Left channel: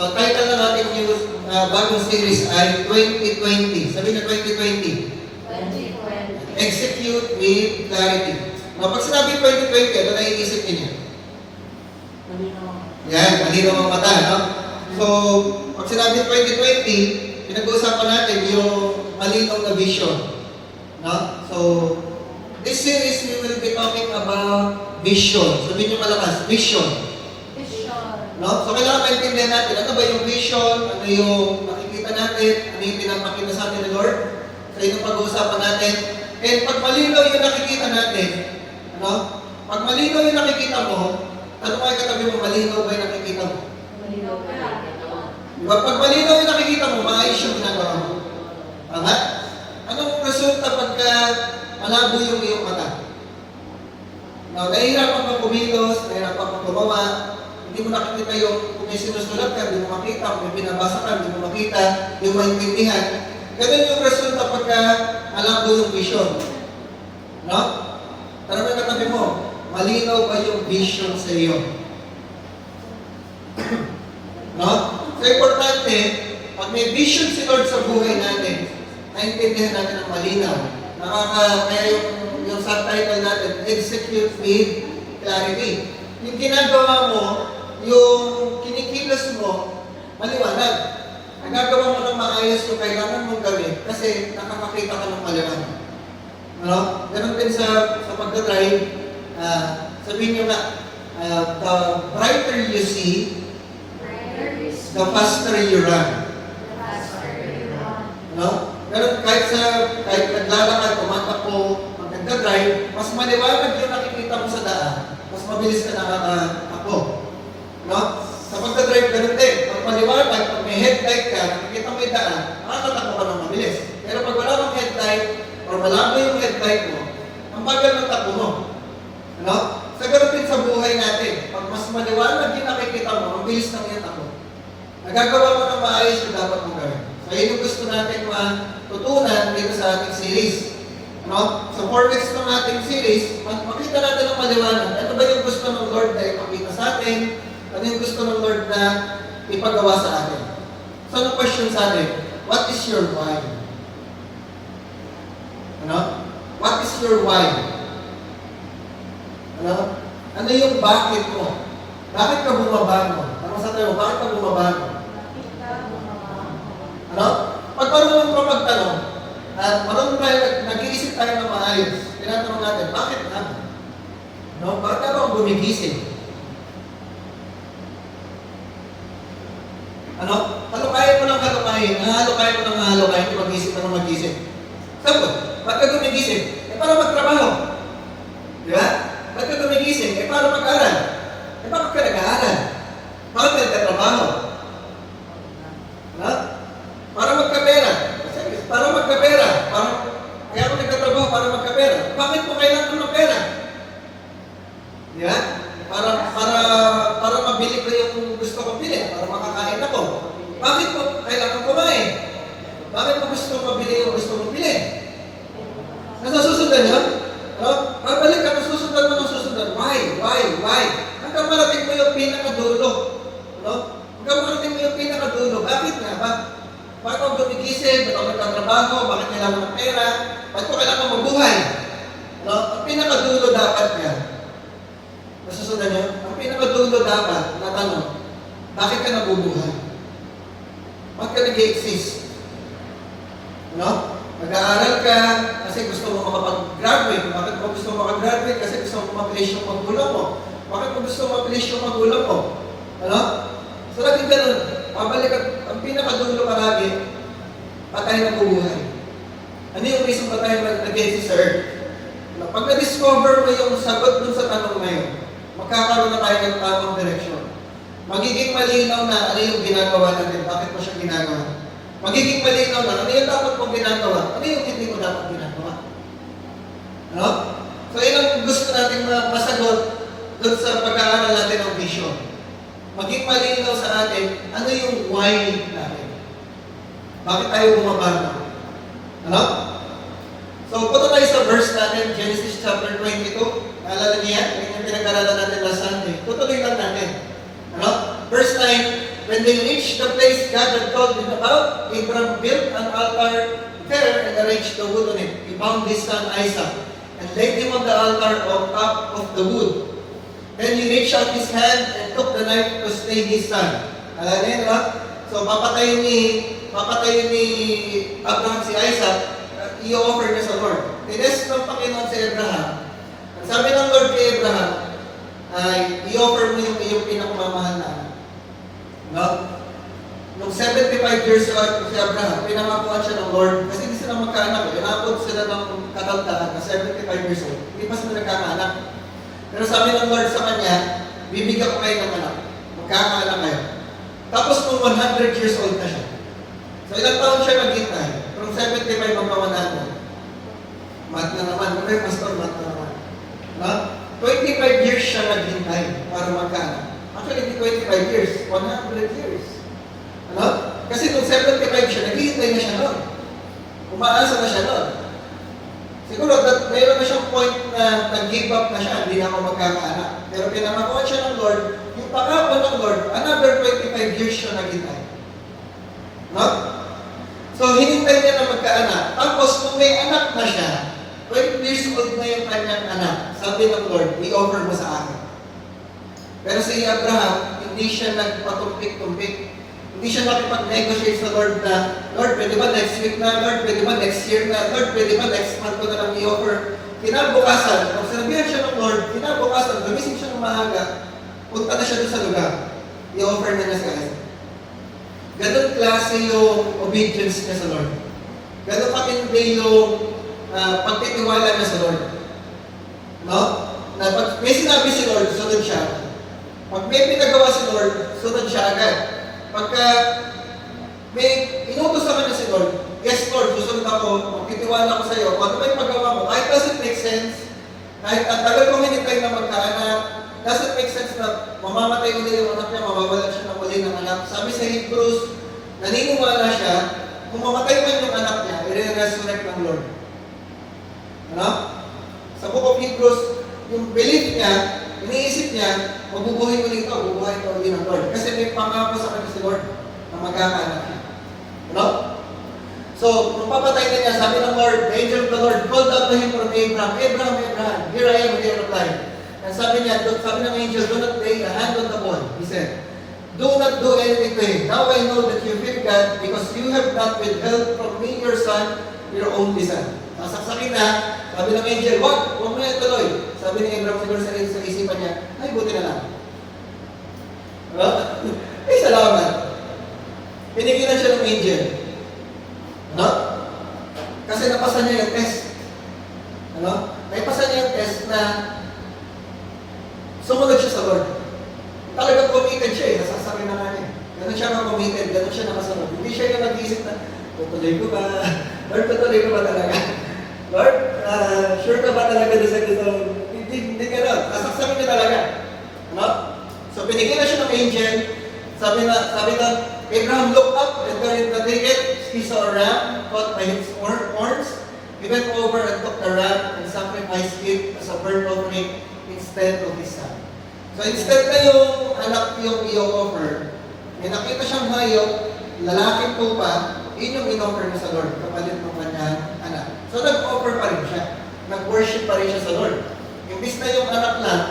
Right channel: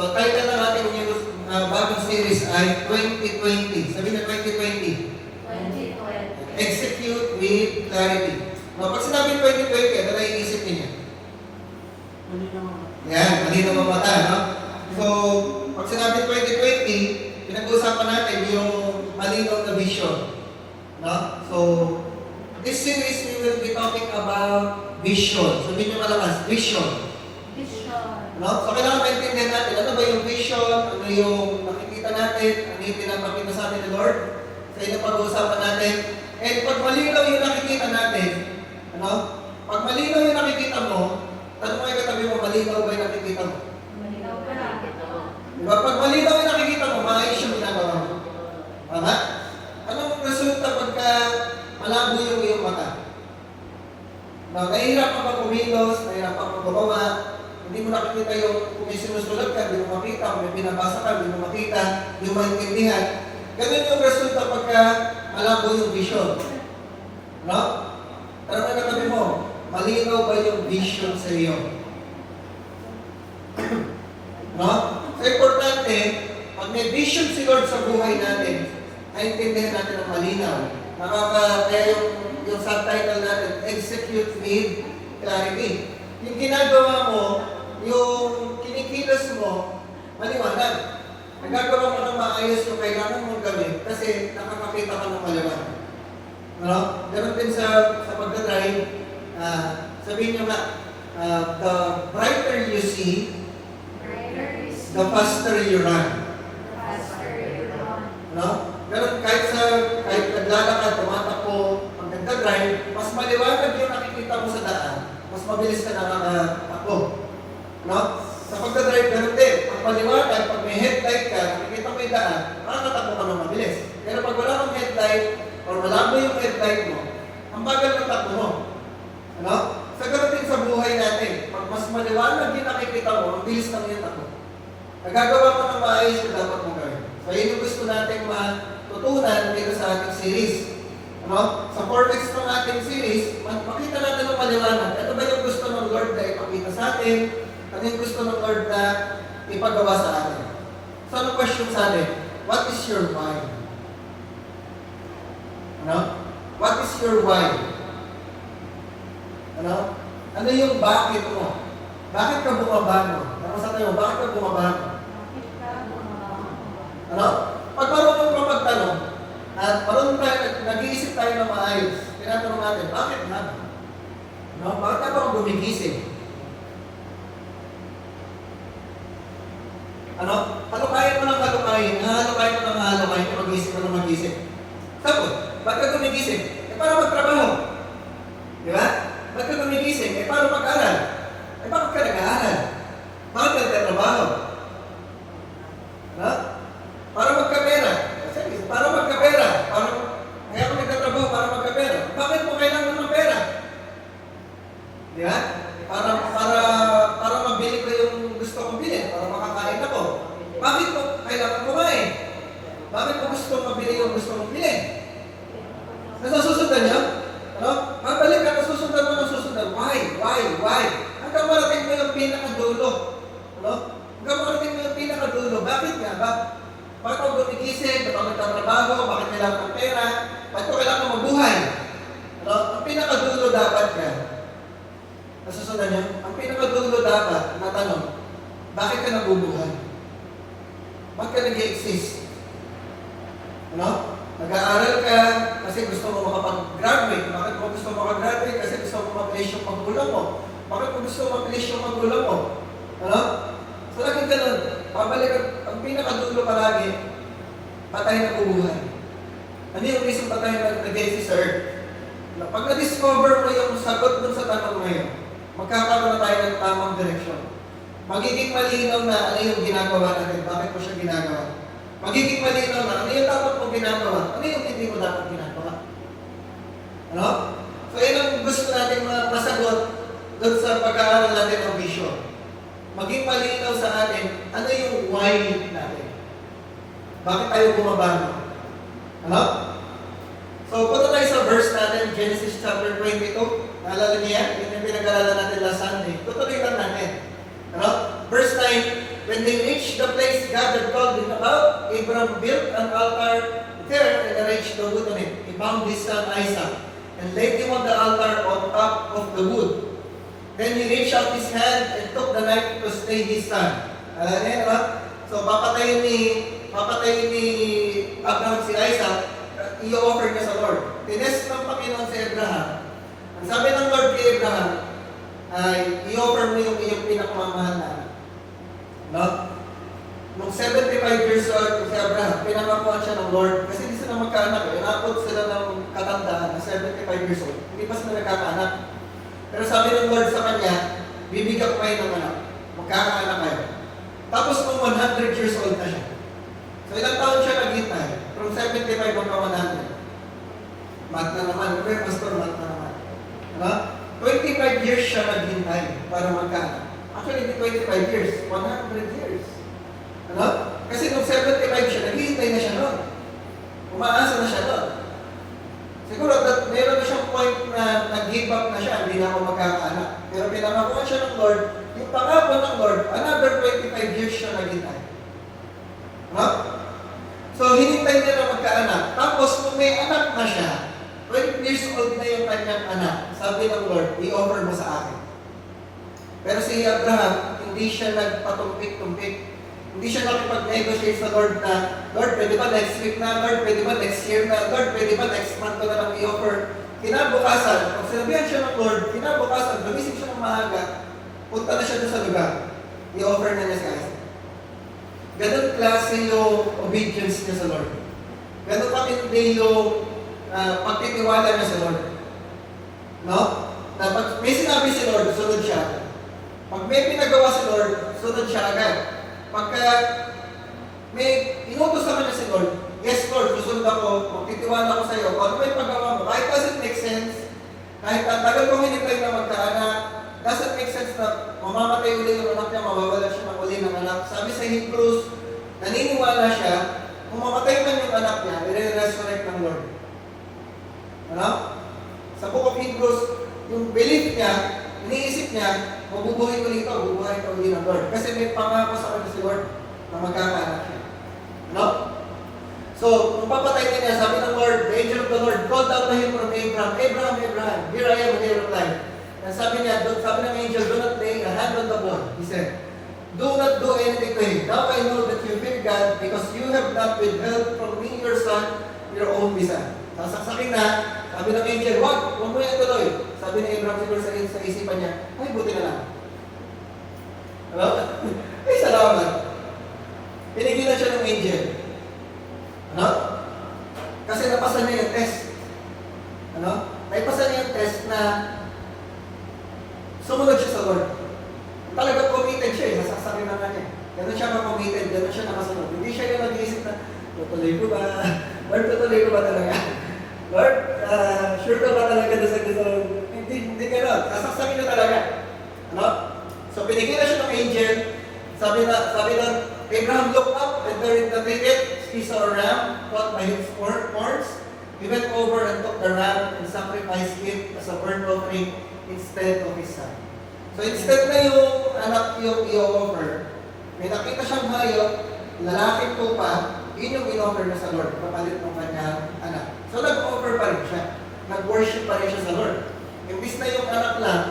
So, title ng ating news, bagong series ay 2020. Sabi na 2020. 2020. Execute with clarity. No, pag sinabi 2020, ano na iisip niyo? Yan, malinaw ang mata, no? So, pag sinabi 2020, pinag-uusapan natin yung malinaw na vision. No? So, this series we will be talking about vision. Sabihin niyo malakas, vision. No? So, kailangan maintindihan natin, ano ba yung vision, ano yung makikita natin, ano yung pinapakita sa atin ni Lord. So, yun ang pag-uusapan natin. And pag malinaw yung nakikita natin, ano? Pag malinaw yung nakikita mo, ano kayo katabi mo, malinaw ba yung nakikita mo? Diba? Pag malinaw yung nakikita mo, maayos yung ginagawa mo. Tama? Anong resulta pagka malabo yung iyong mata? No, nahihirapan ka kumilos, nahihirapan ka gumawa, hindi mo nakikita yung kung may sinusulat ka, hindi mo makita, kung may binabasa ka, hindi mo makita, hindi mo maintindihan. Ganun yung resulta pagka malabo yung vision. No? Tara mo katabi mo, malinaw ba yung vision sa iyo? No? So, importante, pag may vision si Lord sa buhay natin, naintindihan natin ang malinaw. Kaya yung subtitle natin, Execute with Clarity. Yung ginagawa mo, yung kinikilos mo, maliwanag. Nagagawa mo ng maayos yung kailangan mong gawin kasi nakakakita ka ng maliwanag. No? Ganun din sa pagdadrive, sabihin nyo nga, the brighter you see, the faster you run. No? Ganun kahit naglalakad, tumatakbo, pag nagdadrive, mas maliwanag yung nakikita mo sa daan, mas mabilis ka nakakatakbo. No? Sa pagdadrive, ganun din. Pag maliwanag, pag may headlight ka, nakikita mo yung daan, nakakatakbo ka ng mabilis. Pero pag wala kang headlight, or malabo yung headlight mo, ang bagal ng takbo mo. Ano? Sa ganun din sa buhay natin, pag mas maliwanag yung nakikita mo, mabilis na yung takbo. Nagagawa mo ng maayos yung dapat mong gawin. So, yun yung gusto natin matutunan dito sa ating series. Ano? Sa 4 weeks ng ating series, makita natin ang maliwanag. Ano ba yung gusto ng Lord na ipakita sa atin? Ano yung gusto ng Lord na ipagawa sa atin? So, ang question sa atin, what is your why? Ano? What is your why? Ano? Ano yung bakit mo? Bakit ka bumabango? Tanong sa tayo, bakit ka bumabango? Ano? Pag marunong ka magtanong, at marunong tayo, nag-iisip tayo ng maayos, tinatanong natin, bakit nga? No? Bakit ka ba gumigising? Ano? Halukayin mo ng halukayin, halukayin mo ng halukayin kung mag-isip mo ng mag-isip. Sagot, bakit ka gumigising? Para magtrabaho. Di ba? Bakit ka gumigising? Para mag-aral. Bakit ka nag-aaral? Bakit ka nagtatrabaho? Ano? Para magkapera. Para magkapera. Kaya ako nagtatrabaho para magkapera. Bakit mo kailangan ng pera? Di ba? Para mabili ko yung gusto kong bilhin. Para makakain ako. Bakit mo kailangan kumain? Bakit mo gusto mabili yung gusto mong bilhin? Nasusundan niya? Ano? Babalik ka, nasusundan mo ng susundan. Why? Hanggang marating mo yung pinakadulo. Ano? Hanggang marating mo yung pinakadulo. Bakit nga ba? Bakit ako gumigising? Bakit ako nagtatrabaho? Bakit kailangan ng pera? Bakit ko kailangan mabuhay? Ano? Ang pinakadulo dapat nga. Nasusundan niyo? Ang pinakadulo dapat na tanong, bakit ka nabubuhay? Bakit ka nag-i-exist? Ano? Nag-aaral ka kasi gusto mo makapag-graduate. Bakit mo gusto mo makapag-graduate? Kasi gusto mo mabilis yung magulang mo. Bakit mo gusto mo mabilis yung magulang mo? Ano? So, laging ganun. Pabalik ang pinakadulo palagi, patay na buhay. Ano yung reason patay na nag-exist sa earth? Pag na-discover mo yung sagot dun sa tanong ngayon, magkakaroon na tayo ng tamang direksyon. Magiging malinaw na ano yung ginagawa natin, bakit mo siya ginagawa. Magiging malinaw na ano yung dapat mong ginagawa, ano yung hindi mo dapat ginagawa. Ano? So, yun ang gusto natin masagot dun sa pag-aaral natin ng vision. Maging malinaw sa atin, ano yung why natin. Bakit tayo bumabago? Ano? So, punta tayo sa verse natin, Genesis chapter 22. Naalala niya yan? Yan yung pinag-aralan natin last Sunday. Tutuloy lang natin. Ano? Verse 9, when they reached the place God had told them about, Abraham built an altar there and arranged the wood on it. He bound his son Isaac and laid him on the altar on top of the wood. Then he reached out his hand and took the knife to slay his son. Alam niyo, diba? So, papatayin ni Abraham si Isaac, i-offer niya sa Lord. Tinest ng Panginoon si Abraham. Ang sabi ng Lord kay Abraham, ay i-offer mo yung iyong pinakamamahal na anak. No? Nung 75 years old si Abraham, pinangakuan siya ng Lord kasi hindi sila magkaanak. Inakot sila ng katandaan na 75 years old. Hindi pa sila nagkakaanak. Pero sabi ng Lord sa kanya, bibigyan ko kayo ng anak. Magkakaanak kayo. Tapos nung 100 years old na siya. So ilang taon siya naghintay? From 75 hanggang 100. Mat na naman. Okay, pastor, mat na naman. Ano? 25 years siya naghintay para magkaanak. Actually, hindi 25 years. 100 years. Ano? Kasi nung 75 siya, naghihintay na siya noon. Umaasa na siya noon. Siguro, mayroon na siyang point na nag-give up na siya, hindi na ako magkakaanak. Pero pinangakuan siya ng Lord, yung pangako ng Lord, another 25 years siya naghintay. No? So, hinintay niya na magkaanak. Tapos, kung may anak na siya, 20 years old na yung kanyang anak, sabi ng Lord, i-offer mo sa akin. Pero si Abraham, hindi siya nagpatumpik-tumpik. Hindi siya nakipag-negotiate sa Lord na, Lord, pwede ba next week na? Lord, pwede ba next year na? Lord, pwede ba next month ko na lang i-offer? Kinabukasan, kung sinabihan siya ng Lord, kinabukasan, gumising siya ng maaga, punta na siya doon sa lugar. I-offer na niya sa Isaac. Ganun klase yung obedience niya sa Lord. Ganun katindi yung pagtitiwala niya sa Lord. No? Na pag may sinabi si Lord, sunod siya. Pag may pinagawa si Lord, sunod siya agad. Pagka may inutos sa kanya si Lord, yes Lord, susunod ako, magtitiwala ako sa iyo, kung ano may paggawa mo, kahit doesn't make sense, kahit ang tagal kong hinintay na magkaanak, doesn't make sense na mamamatay uli yung anak niya, mawawala siya ng uli ng anak. Sabi sa Hebrews, naniniwala siya, kung mamatay man yung anak niya, i-resurrect ng Lord. Ano? Sa Book of Hebrews, yung belief niya, iniisip niya, mabubuhay ulit ito, bubuhay ito ulit ng Lord. Kasi may pangako sa kanya si Lord na magkakaanak siya. Ano? So, kung papatay niya, sabi ng Lord, the angel of the Lord called out to him from Abraham, Abraham, Abraham, here I am, and he replied. And sabi niya, sabi ng angel, do not lay a hand on the boy. He said, do not do anything to him. Now I know that you fear God because you have not withheld from me your son, your only son. Sasaksakin na, sabi ng angel, huwag mo yan tuloy. Sabi ni Abraham siguro sa isipan niya, ay, buti na lang. Ano? Ay, salamat. Pinigilan siya ng angel. Ano? Kasi napasa niya yung test. Ano? Naipasa niya yung test na sumunod siya sa Lord. Talagang committed siya eh, nasasakay na nga niya. Ganun siya ka-committed, ganun siya nakasunod. Hindi siya yung nag-iisip na, tutuloy ko ba? Lord, tutuloy ko ba talaga? Lord, sure ka ba talaga na sa gusto? Hindi gano'n. Nasaksakin niya talaga. Ano? So, pinigilan siya ng angel. Sabi ng Abraham looked up and there in the thicket, he saw a ram caught by its horns. He went over and took the ram and sacrificed it as a burnt offering instead of his son. So, instead na yung anak yung i-offer, may nakita siyang hayop, lalaking tupa, yun yung in-offer na sa Lord, kapalit ng kanyang anak. So, nag-offer pa rin siya. Nag-worship pa rin siya sa Lord. Imbis na yung anak lang,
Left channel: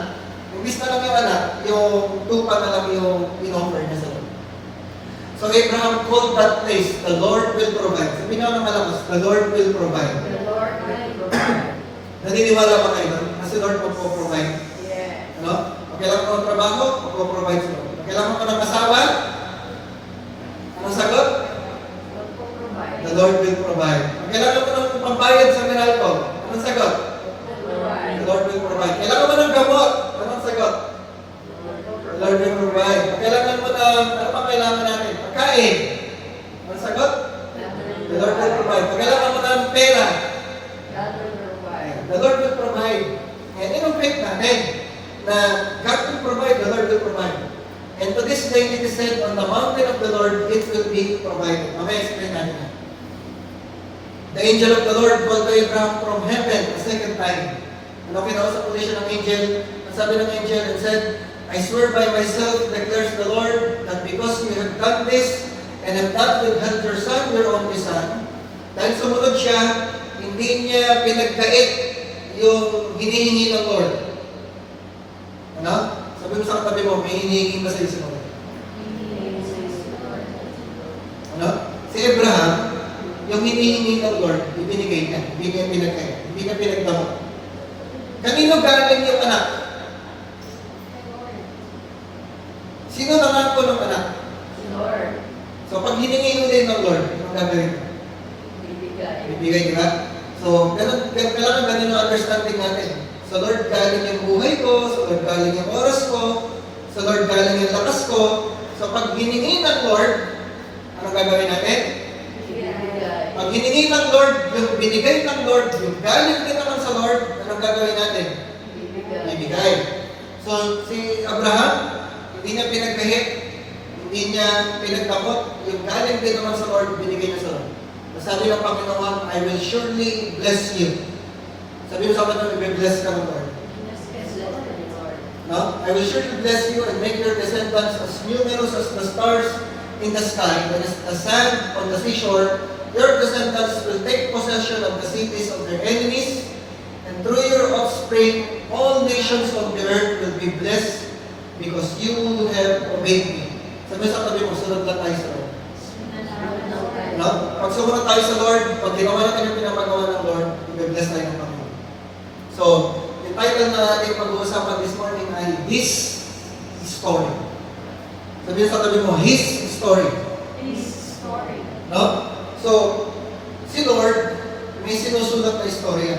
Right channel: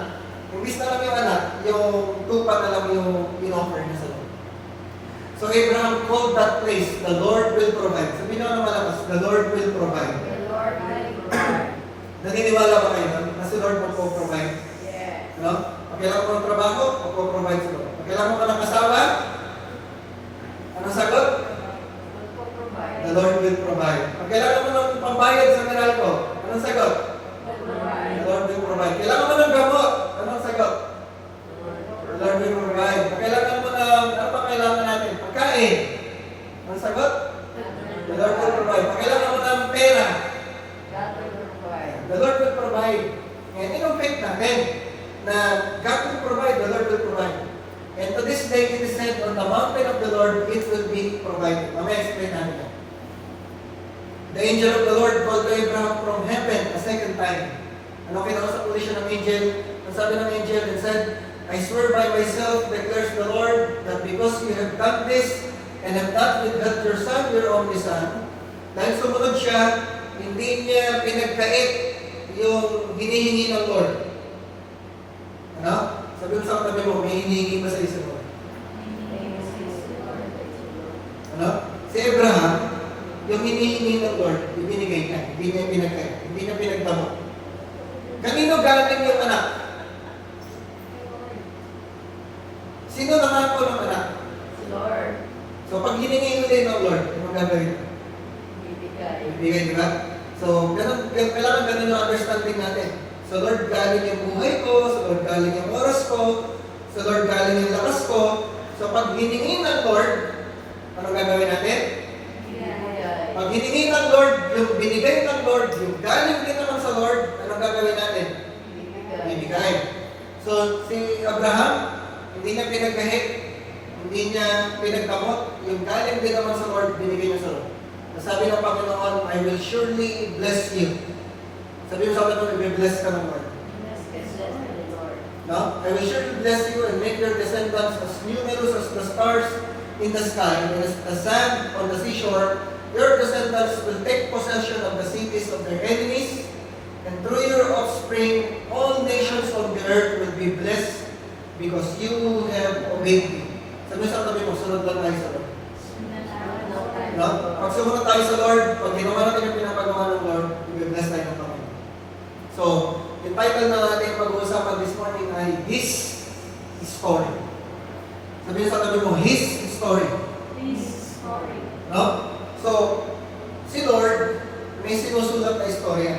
imbis na lang yung anak, yung tupa na lang yung in-offer niya sa Lord. So, Abraham called that place, the Lord will provide. Sabi nga ng malakas, the Lord will provide. The Lord will provide. Naniniwala ba kayo doon? Na si Lord magpo-provide? Yeah. Ano? Pag kailangan mo ng trabaho, magpo-provide si Lord. Pag kailangan mo ng asawa, anong sagot? The Lord will provide. Pag kailangan mo ng pambayad sa Meralco, anong sagot? The Lord will provide. Kailangan mo ng gamot, anong sagot? The Lord will provide. Pag kailangan mo ng, ano pa kailangan natin? Pagkain. Anong sagot? The Lord will provide. Pag kailangan mo ng pera, the Lord will provide. And yun ang faith natin, na God will provide, the Lord will provide. And to this day, it is said, on the mountain of the Lord, it will be provided. Mamaya explain natin na. The angel of the Lord called to Abraham from heaven a second time. Ano kinausap ulit siya ng angel? Ang sabi ng angel and said, I swear by myself, declares the Lord, that that because you have done this and have not withheld your son, your only son, dahil sumunod siya, hindi niya pinagkait yung hinihingi ng Lord. Ano? Sabi mo sa katabi mo, may hinihingi ba sa isa mo? Ano? Si Abraham, yung hinihingi ng Lord, ibinigay niya. Hindi niya pinagkait. Hindi niya pinagdamo. Kanino galing yung anak? Sino naman ko ng anak? Lord. So, pag hiningi mo din ng Lord, anong gagawin? Bibigay, di ba? So, kailangan ganun ang understanding natin. Sa Lord galing yung buhay ko, sa Lord galing yung oras ko, sa Lord galing yung lakas ko. So, pag hiningi ng Lord, anong gagawin natin? Pag hiningi ng Lord, yung binigay ng Lord, yung galing din naman sa Lord, anong gagawin natin? Bibigay. So, si Abraham, hindi niya pinagkahit, hindi niya pinagdamot, yung galing din naman sa Lord, binigay niya sa Lord. Sabi ng Panginoon, I will surely bless you. Sabi mo sa akin, may bless ka ng Lord. No? I will surely bless you and make your descendants as numerous as the stars in the sky and as the sand on the seashore. Your descendants will take possession of the cities of their enemies, and through your offspring, all nations of the earth will be blessed because you have obeyed me. Sabi sa tabi mo, sunod lang tayo sa Lord. No? Pag sumunod tayo sa Lord, pag ginawa natin yung pinapagawa ng Lord, i-bless tayo ng Panginoon. So, yung title na natin pag-uusapan this morning ay His Story. Sabihin sa tabi mo, His Story. His story. No? So, si Lord, may sinusulat na istorya.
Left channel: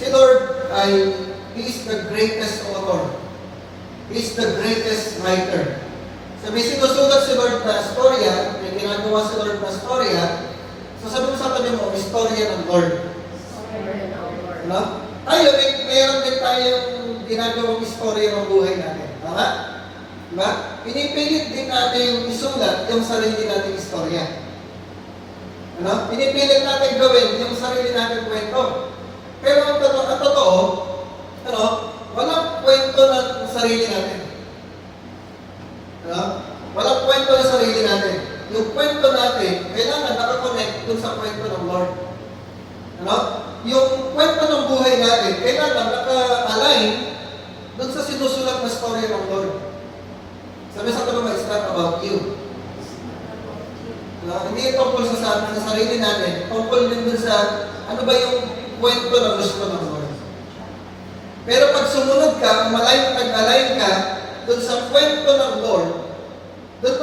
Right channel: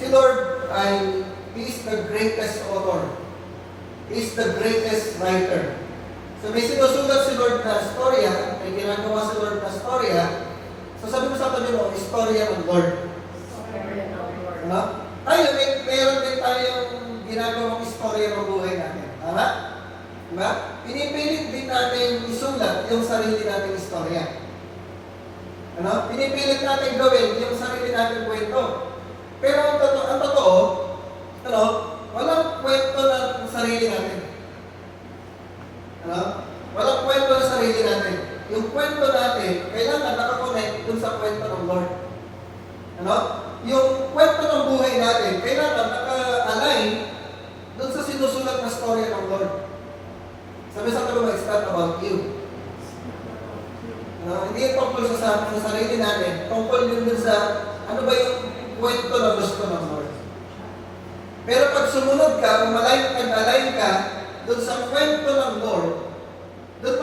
Si Lord ay, He is the greatest author. He is the greatest writer. So, may sinusulat si Lord na storya, may ginagawa si Lord na storya. So, sabi mo sa tabi mo, istorya ng Lord. Ano? Tayo, mayroon din tayong ginagawang istorya ng buhay natin. Tama? Diba? Pinipilit din natin isulat yung sarili nating istorya. Ano? Pinipilit natin gawin yung sarili nating kwento. Pero ang totoo, ano? Walang kwento ng sarili natin. Ano? Walang kwento ng sarili natin. Yung kwento natin, kailangan nakakonect dun sa kwento ng Lord. Ano? Yung kwento ng buhay natin, kailangan naka-align dun sa sinusulat na story ng Lord. Sabi sa tulong, it's not about you. Hindi tungkol sa sarili natin, tungkol din dun sa ano ba yung kwento ng gusto ng Lord. Pero pag sumunod ka, align ka dun sa kwento ng Lord, doon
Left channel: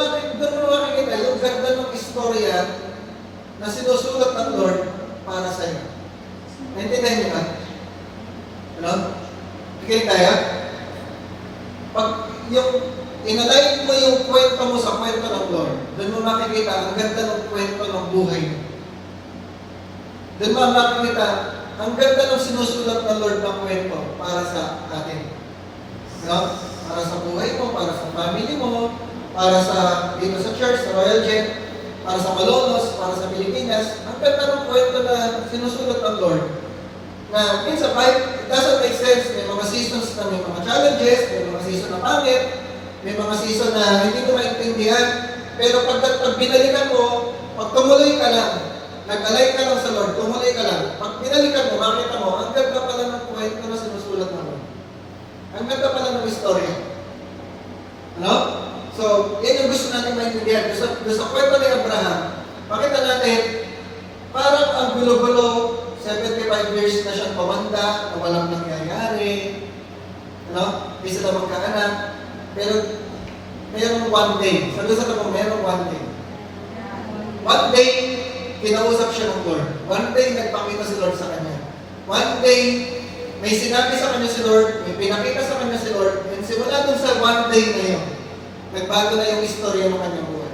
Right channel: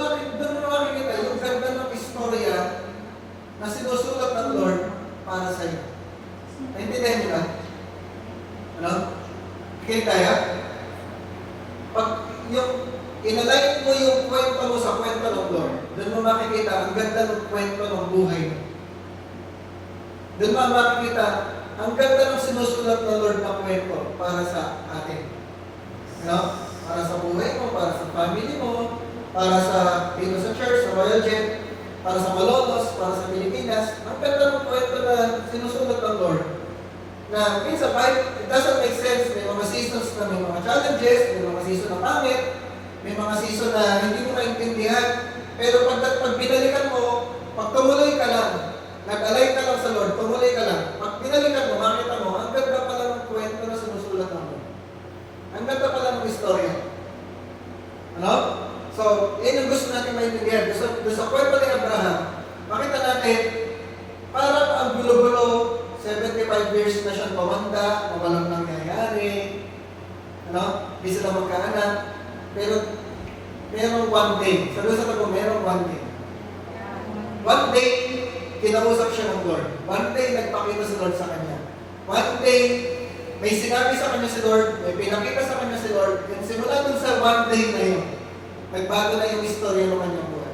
mo makikita yung ganda ng istorya na sinusulat ng Lord para sa iyo. Naintindihan niyo ba? Ano? Bigay tayo? Pag yung inalign mo yung kwento mo sa kwento ng Lord, doon mo makikita ang ganda ng kwento ng buhay mo. Doon mo makikita ang ganda ng sinusulat ng Lord na kwento para sa atin. Ano? Para sa buhay mo, para sa family mo, para sa dito sa church, sa Royal Jet, para sa Malolos, para sa Pilipinas. Ang ganda ng kwento na sinusulat ng Lord. Na minsan, it doesn't make sense. May mga seasons na may mga challenges, may mga season na pangit, may mga season na hindi mo maintindihan. Pero pag binalikan mo, pag tumuloy ka lang, nag-align ka lang sa Lord, tumuloy ka lang. Pag binalikan mo, makita mo, ang ganda pala ng kwento na sinusulat ng Lord. Ang ganda pala ng istorya. Ano? So, yan yung gusto natin maintindihan. Sa kwento ni Abraham, makita natin, parang ang gulo-gulo, 75 years na siyang pawanda, na walang nangyayari, ano? Hindi sila magkaanak, pero mayroong one day. Sabi sa tanong, mayroong one day. One day, kinausap siya ng Lord. One day, nagpakita si Lord sa kanya. One day, may sinabi sa kanya si Lord, may pinakita sa kanya si Lord, and simula dun sa one day na yun, nagbago na yung istorya ng kanyang buhay.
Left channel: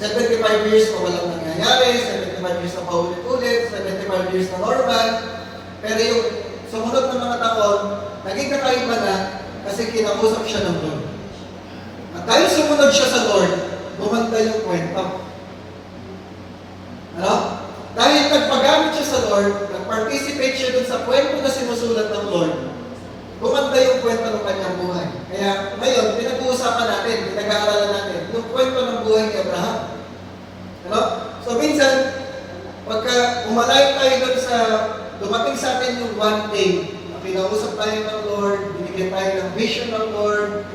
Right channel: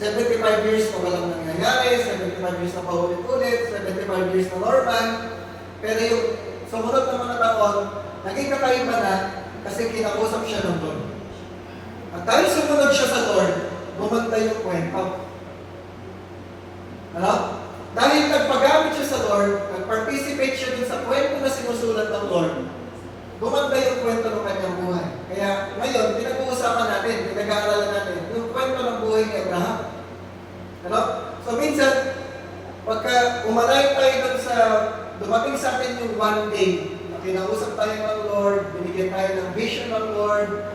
75 years na walang nangyayari, 75 years na paulit-ulit, 75 years na normal, pero yung sumunod ng mga taon, naging kakaiba na kasi kinausap siya ng Lord. At dahil sumunod siya sa Lord, gumanda yung kwento. Ano? Dahil nagpagamit siya sa Lord, nag-participate siya dun sa kwento na sinusulat ng Lord, gumanda yung kwento ng kanyang buhay. Kaya ngayon, pinag-uusapan natin umalayo tayo dun sa, dumating sa atin yung one day, na kinausap tayo ng Lord, binigyan tayo ng vision ng Lord,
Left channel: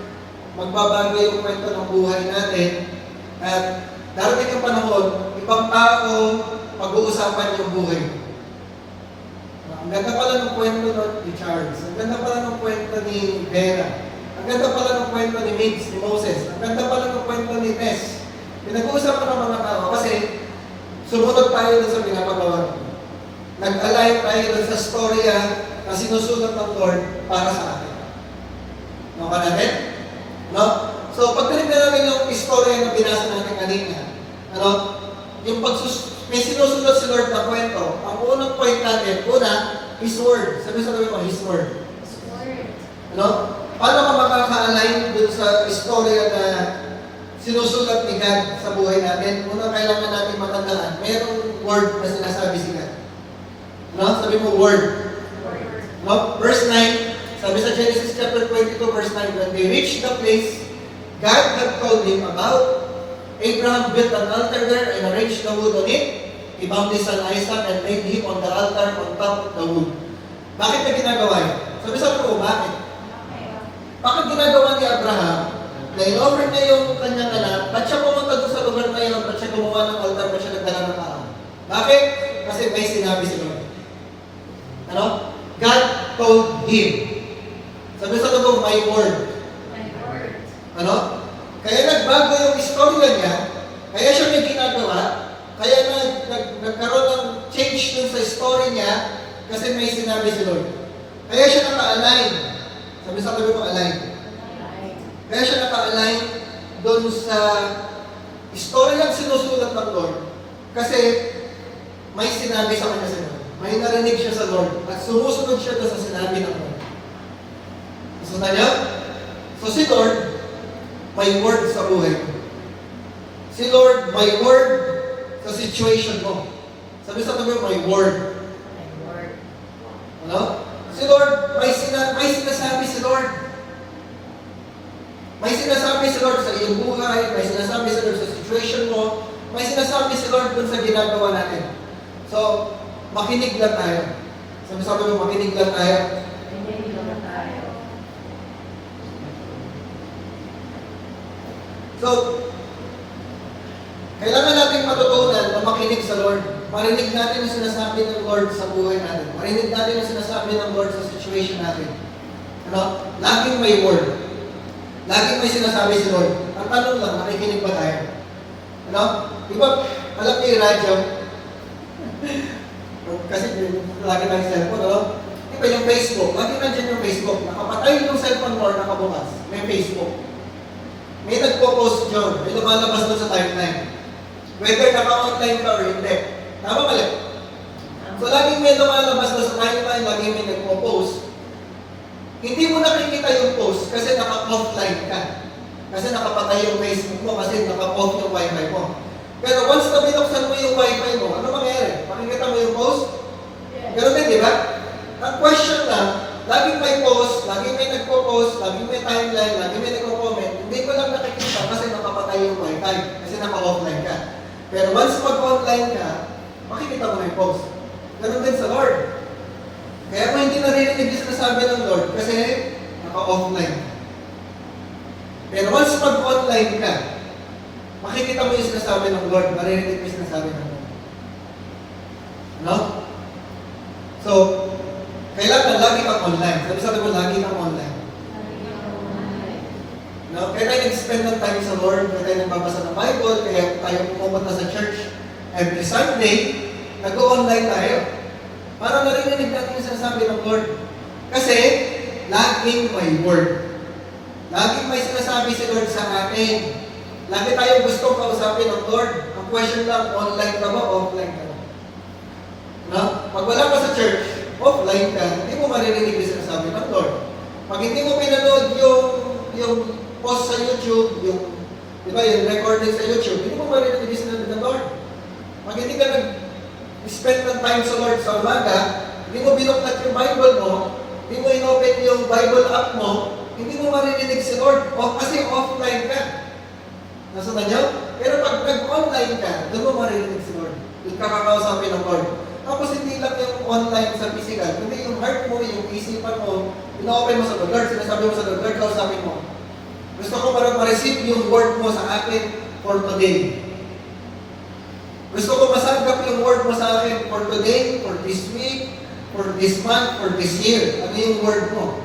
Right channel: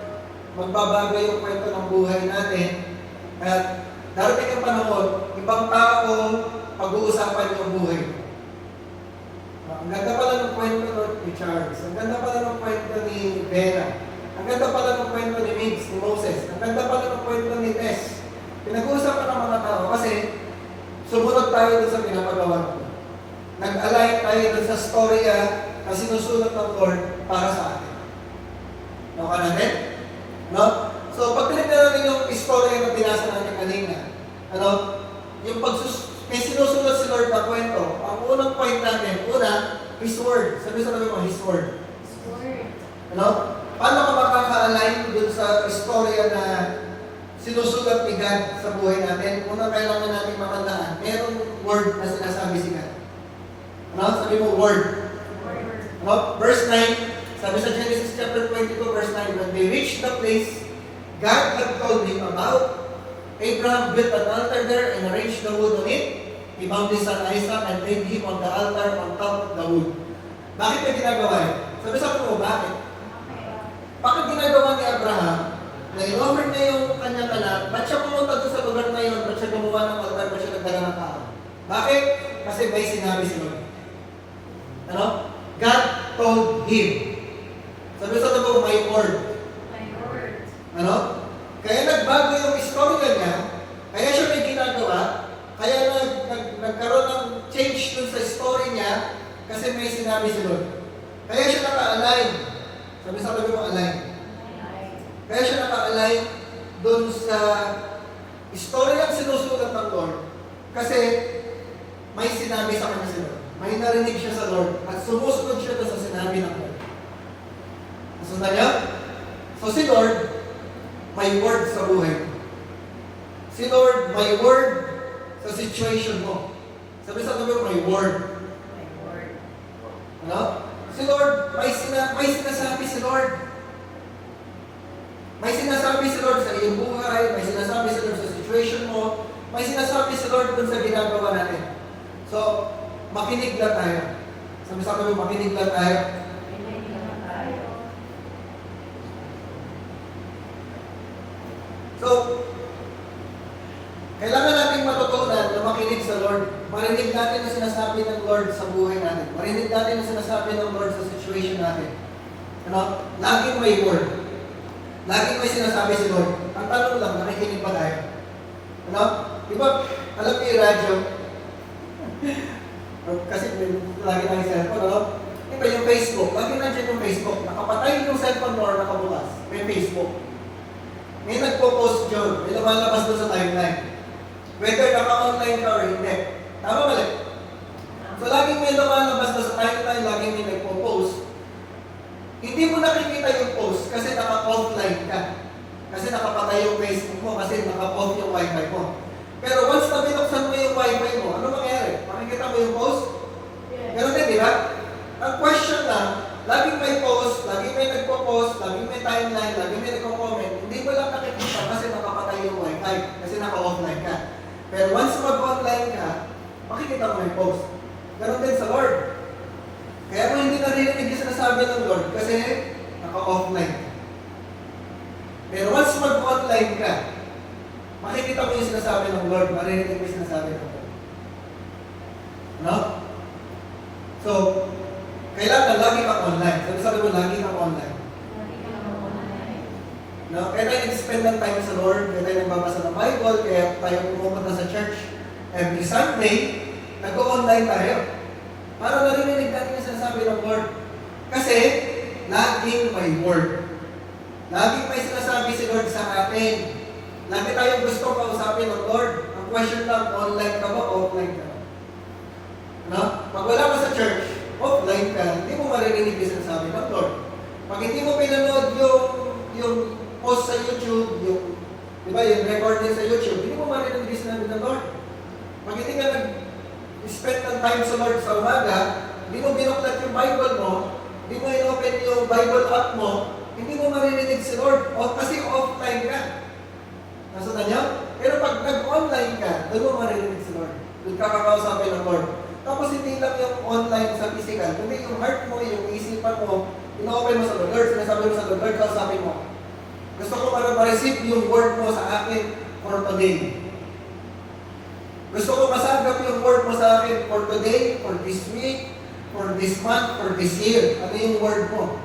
magbabago yung kwento ng buhay natin, at darating yung panahon, ibang tao, pag-uusapan yung buhay. Ang ganda pala ng kwento ni Charles, ang ganda pala ng kwento ni Vera, ang ganda pala ng kwento ni Migs, ni Moses, ang ganda pala ng kwento ni Tess. Pinag-uusapan ng mga tao kasi sumunod tayo doon sa pinapagawa. Nag-align tayo doon sa storya na sinusulat ng Lord para sa atin. No ka natin? No? So, pag tinignan natin yung istorya na binasa natin kanina, yung may sinusulat si Lord na kwento, ang unang point natin, His Word. Sabi mo, His Word. His Word. Paano ka makaka-align dun sa istorya na sinusulat ni God sa buhay natin? Unang kailangan natin matandaan, mayroong word na sinasabi si God. Sabi mo, word. Verse 9, sabi sa Genesis chapter 22, verse 9, when they reached the place God had told him about, Abraham built an altar there and arranged the wood on it. He bound his son Isaac and laid him on the altar on top of the wood. Bakit niya ginagawa yun? Sabi ko, bakit? Bakit ginagawa ni Abraham na in-offer niya yung kanyang anak? Ba't siya pumunta doon sa lugar na yun? Ba't siya gumawa ng altar? Ba't siya nagdala ng tao? Bakit? Kasi may sinabi si Lord. God told him. Sabi sa totoo, my word. My word. Kaya nagbago yung istorya niya, kaya siya may ginagawa, kaya nagkaroon ng change dun sa story niya, kasi may sinabi si Lord. Kaya siya naka-align. Sabi sa tabi mo, align. Kaya siya naka-align dun sa istorya ang sinusulat ng Lord, kasi may sinabi sa kanya si Lord. May narinig siya sa Lord, at sumusunod siya dun sa sinabi ng Lord. Nasunod niya? So si Lord, may word sa buhay mo. Si Lord, may word sa situation mo. Sabi sa tabi mo, may word. My word. Si Lord, may sinasabi si Lord. May sinasabi si Lord sa iyong buhay, may sinasabi si Lord sa situation mo, may sinasabi si Lord dun sa ginagawa natin. So, makinig lang tayo. Sabi mo, makinig lang tayo. Hindi naman tayo. So, kailangan natin matutunan na makinig sa Lord. Marinig natin ang sinasabi ng Lord sa buhay natin. Marinig natin ang sinasabi ng Lord sa situation natin. Laging may word. Laging may sinasabi si Lord. Ang tanong lang, nakikinig ba tayo? Di ba, alam niyo yung radyo? Kasi lagi tayong cellphone, Di ba yung Facebook? Lagi nandiyan yung Facebook. Nakapatay yung cellphone mo or nakabukas. May Facebook. May nagpo-post yun. May lumalabas doon sa timeline. Whether naka-online ka or hindi. Tama mali? So, laging may lumalabas doon sa timeline, laging may nagpo-post. Hindi mo nakikita yung post kasi naka-offline ka. Kasi nakapatay yung Facebook mo kasi naka-off yung wifi mo. Pero once na binuksan mo yung wifi mo, ano mangyayari? Makikita mo yung post? Pero di ba? Ang question lang, laging may post, laging may nagpo-post, laging may timeline, laging may nagko-comment, hindi mo lang nakikita kasi nakapatay yung wifi, kasi naka-offline ka. Pero once mag-online ka, makikita mo yung post. Ganon din sa Lord. Kaya kung hindi narinig yung sinasabi ng Lord, kasi naka-offline. Pero once mag-online ka, makikita mo yung sinasabi ng Lord, marinig yung sinasabi ng Lord. So, kailangan lagi kang online. Sabi ko, lagi kang online. Kaya tayo nag-spend ng time sa Lord, kaya tayo nagbabasa ng Bible, kaya tayo pumunta sa church every Sunday, nag-online tayo. Para narinig natin yung sinasabi ng Lord. Kasi, laging may word. Laging may sinasabi si Lord sa atin. Lagi tayong gusto kausapin ng Lord. Ang question lang, online ka ba o offline ka ba? Pag wala ka sa church, offline ka, hindi mo maririnig yung sinasabi ng Lord. Pag hindi mo pinanood yung post sa YouTube, yung recording sa YouTube, hindi mo maririnig yung sinasabi ng Lord. Pag hindi ka nag-spend ng time sa Lord sa umaga, hindi mo binuklat yung Bible mo, hindi mo inopen yung Bible app mo, hindi mo maririnig si Lord. Kasi offline ka. Nasundan niyo? Pero pag nag-online ka, doon mo maririnig si Lord. Doon ka kakausapin ng Lord. Tapos hindi lang yung online sa physical, kundi yung heart mo, yung isipan mo, ino-open mo sa Lord, sinasabi mo sa Lord, kausapin mo. Gusto ko parang ma-receive yung word mo sa akin for today. Gusto ko masanggap yung word mo sa akin for today, for this week, for this month, for this year. Ano yung word mo?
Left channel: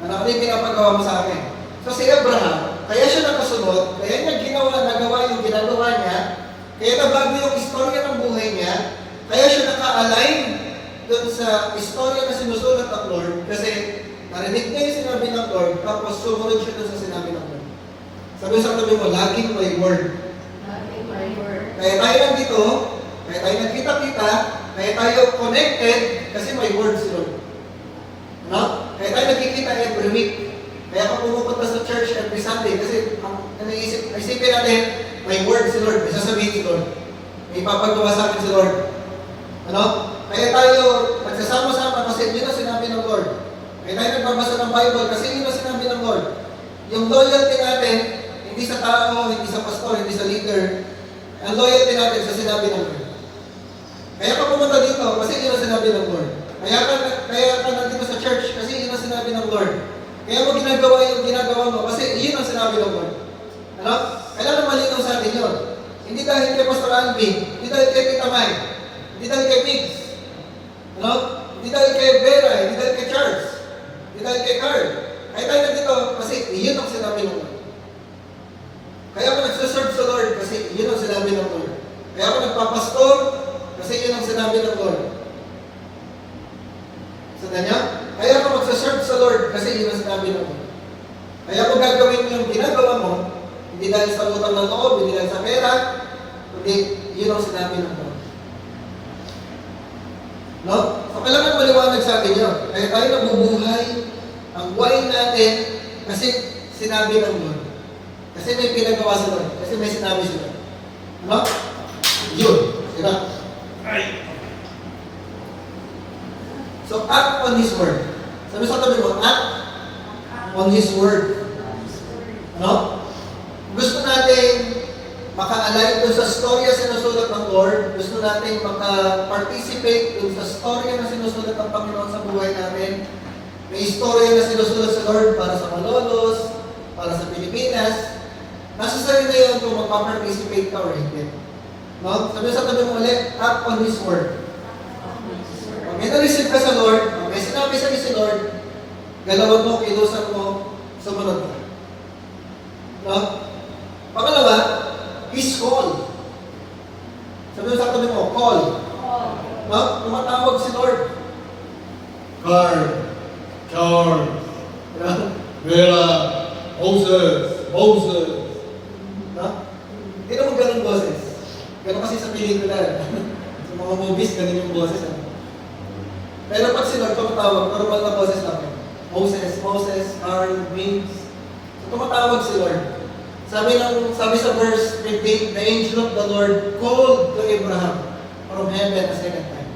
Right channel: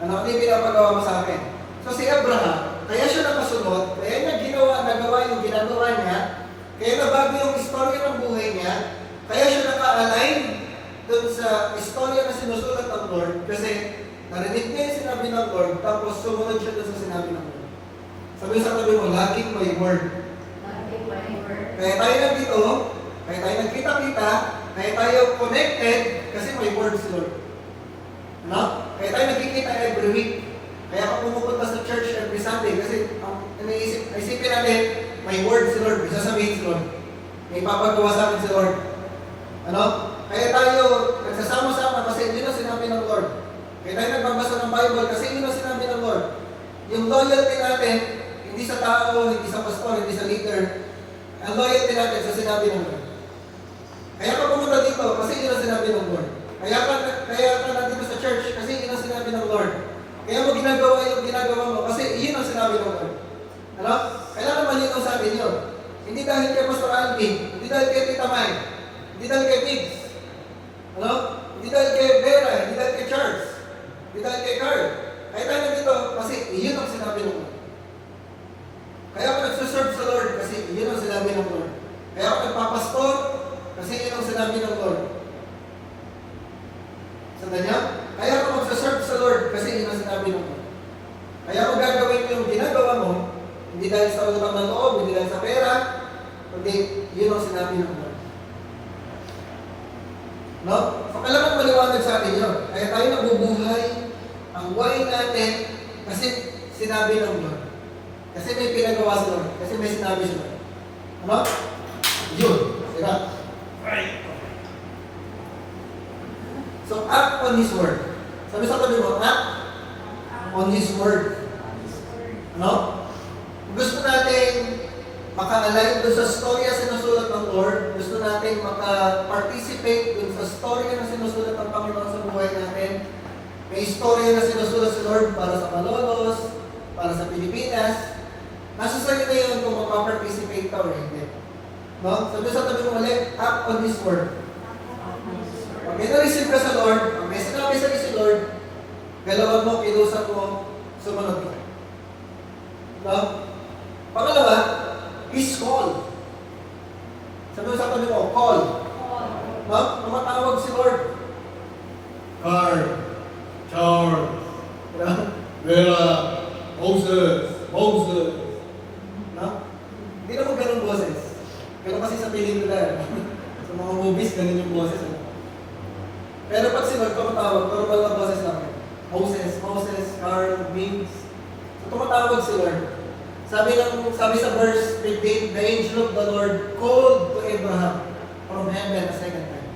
Ano yung pinapagawa mo sa akin? So si Abraham, kaya siya nakasunod, kaya niya nagawa yung ginagawa niya, kaya nabago yung istorya ng buhay niya, kaya siya naka-align dun sa istorya na sinusulat ng Lord, kasi narinig niya yung sinabi ng Lord, tapos sumunod siya dun sa sinabi ng Lord. Sabi sa tabi mo, laging may word. Laging may word. Kaya tayo nandito, kaya tayo nagkita-kita, kaya tayo connected, kasi may word si Lord. No? Kaya tayo nagkikita every week. Kaya ako pumupunta sa church every Sunday, kasi ang isipin natin, may word si Lord, may sasabihin si Lord. May papagawa sa akin si Lord. Ano? Kaya tayo nagsasama-sama kasi yun ang sinabi ng Lord. Kaya tayo nagbabasa ng Bible kasi yun ang sinabi ng Lord. Yung loyalty natin, hindi sa tao, hindi sa pastor, hindi sa leader. Ang loyalty natin sa sinabi ng Lord. Kaya ka pumunta dito kasi yun ang sinabi ng Lord. Kaya ka nandito sa church kasi yun ang sinabi ng Lord. Kaya mo ginagawa yung ginagawa mo kasi yun ang sinabi ng Lord. Ano? Kailangan malinaw sa atin yun. Hindi dahil kay Pastor Alvin, hindi dahil kay Tita May, hindi dahil kay Biggs, ano? Hindi dahil kay Vera, hindi dahil kay Charles, hindi dahil kay Carl. Kaya tayo nandito kasi yun ang sinabi ng Lord. Kaya ako nagsaserve sa Lord kasi yun ang sinabi ng Lord. Kaya ako nagpapastor kasi yun ang sinabi ng Lord. Sa kanya? Kaya ako magsaserve sa Lord kasi yun ang sinabi ng Lord. Kaya ako gagawin yung ginagawa mo, hindi dahil sa utang ng loob, hindi dahil sa pera, kundi yun ang sinabi ng Lord. No? So, kailangan maliwanag sa atin yun. Kaya tayo nabubuhay ang buhay natin kasi sinabi ng Lord. Kasi may pinagawa sa Lord. Kasi may sinabi sa Lord. Ano? Yun. Diba? So, act on His Word. Sabi sa tabi mo, act on His Word. Ano? Gusto natin maka-align dun sa storya sinusulat ng Lord. Gusto natin maka-participate dun sa storya na sinusulat ng Panginoon sa buhay natin. May storya na sinusulat sa Lord para sa Malolos, para sa Pilipinas. Nasa sa'yo na yun kung magpa-participate ka or hindi. No? Sabi sa tabi mo ulit, act on His Word. Pag may na-receive ka sa Lord, pag may sinabi sa si Lord, galawan mo, ilusan mo, sumunod ka. No? Pangalawa, His call. Sabi mo sa tabi mo, call. No? Tumatawag si Lord. Carl, Charles, Vera, Moses. No? Hindi naman ganun boses. Ganun kasi sa pelikula. Sa mga movies, ganun yung boses. Pero pag si Lord tumatawag, normal na boses lang. Moses, Carl, Vince. So tumatawag si Lord. Sabi sa verse 15, the angel of the Lord called to Abraham from heaven a second time.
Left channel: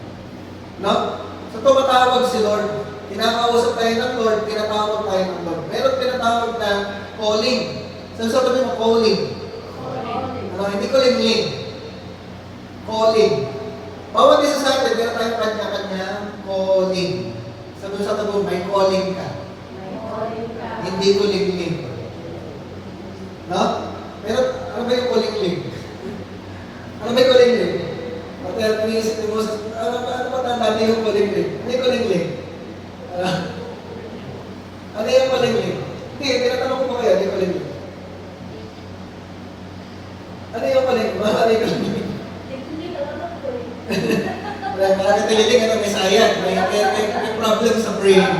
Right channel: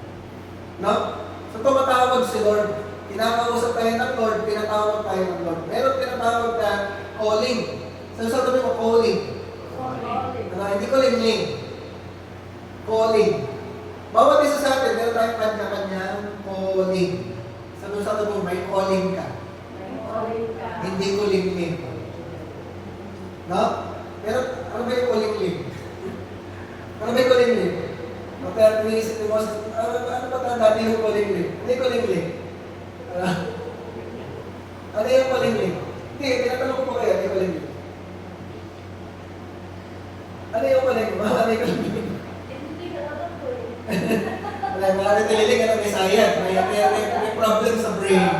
No? So tumatawag si Lord. Kinakausap tayo ng Lord, tinatawag tayo ng Lord. Meron tinatawag na calling. Saan sabi mo calling? Ano, hindi calling. Calling. Bawat isa sa atin, meron tayong kanya-kanyang calling. Sabi sa mo, may calling ka. Hindi calling. No? Pero, ano ba yung calling? Ano ba yung calling? Matayat mo yung isip mo, ano ba tanda niyo yung calling? Ano yung calling? Ano yung calling? Hindi, tinatanong ko po kayo, ano yung calling? Ano yung calling? Ano yung calling? Wala ka tililing, ano, may sayang. May problem sa brain.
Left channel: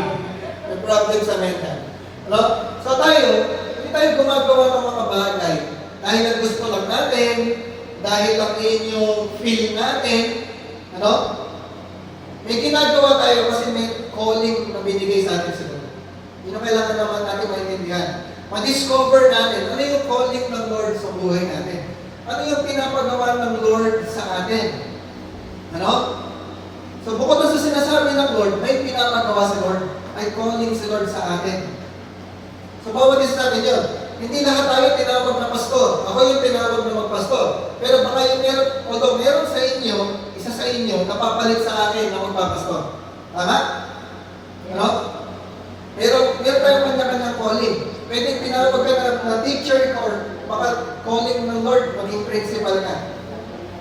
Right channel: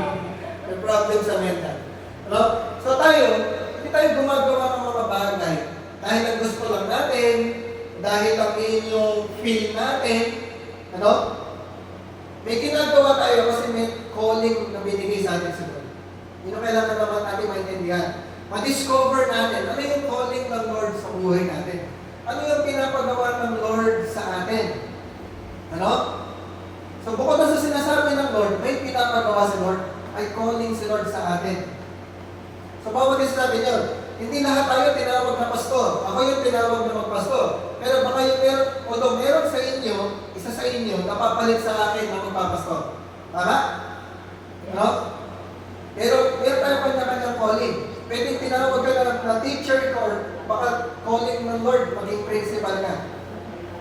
May problem sa mental. Ano? So tayo, hindi tayo gumagawa ng mga bagay dahil ang gusto lang natin, dahil lang yung feel natin, ano? May ginagawa tayo kasi may calling na binigay sa atin siguro. Yun ang kailangan naman natin maintindihan. Ma-discover natin, ano yung calling ng Lord sa buhay natin? Ano yung pinapagawa ng Lord sa atin? Ano? So bukod sa sinasabi ng Lord, may pinapagawa si Lord, ay calling si Lord sa atin. So bawat isa natin yun. Hindi lahat tayo tinawag na pastor. Ako yung tinawag na magpastor. Pero baka yung although meron sa inyo, isa sa inyo, napapalit sa akin na magpapastor. Tama? Ano? Pero meron tayong kanya-kanyang calling. Pwede tinawag ka na teacher ka or baka calling ng Lord, maging principal ka.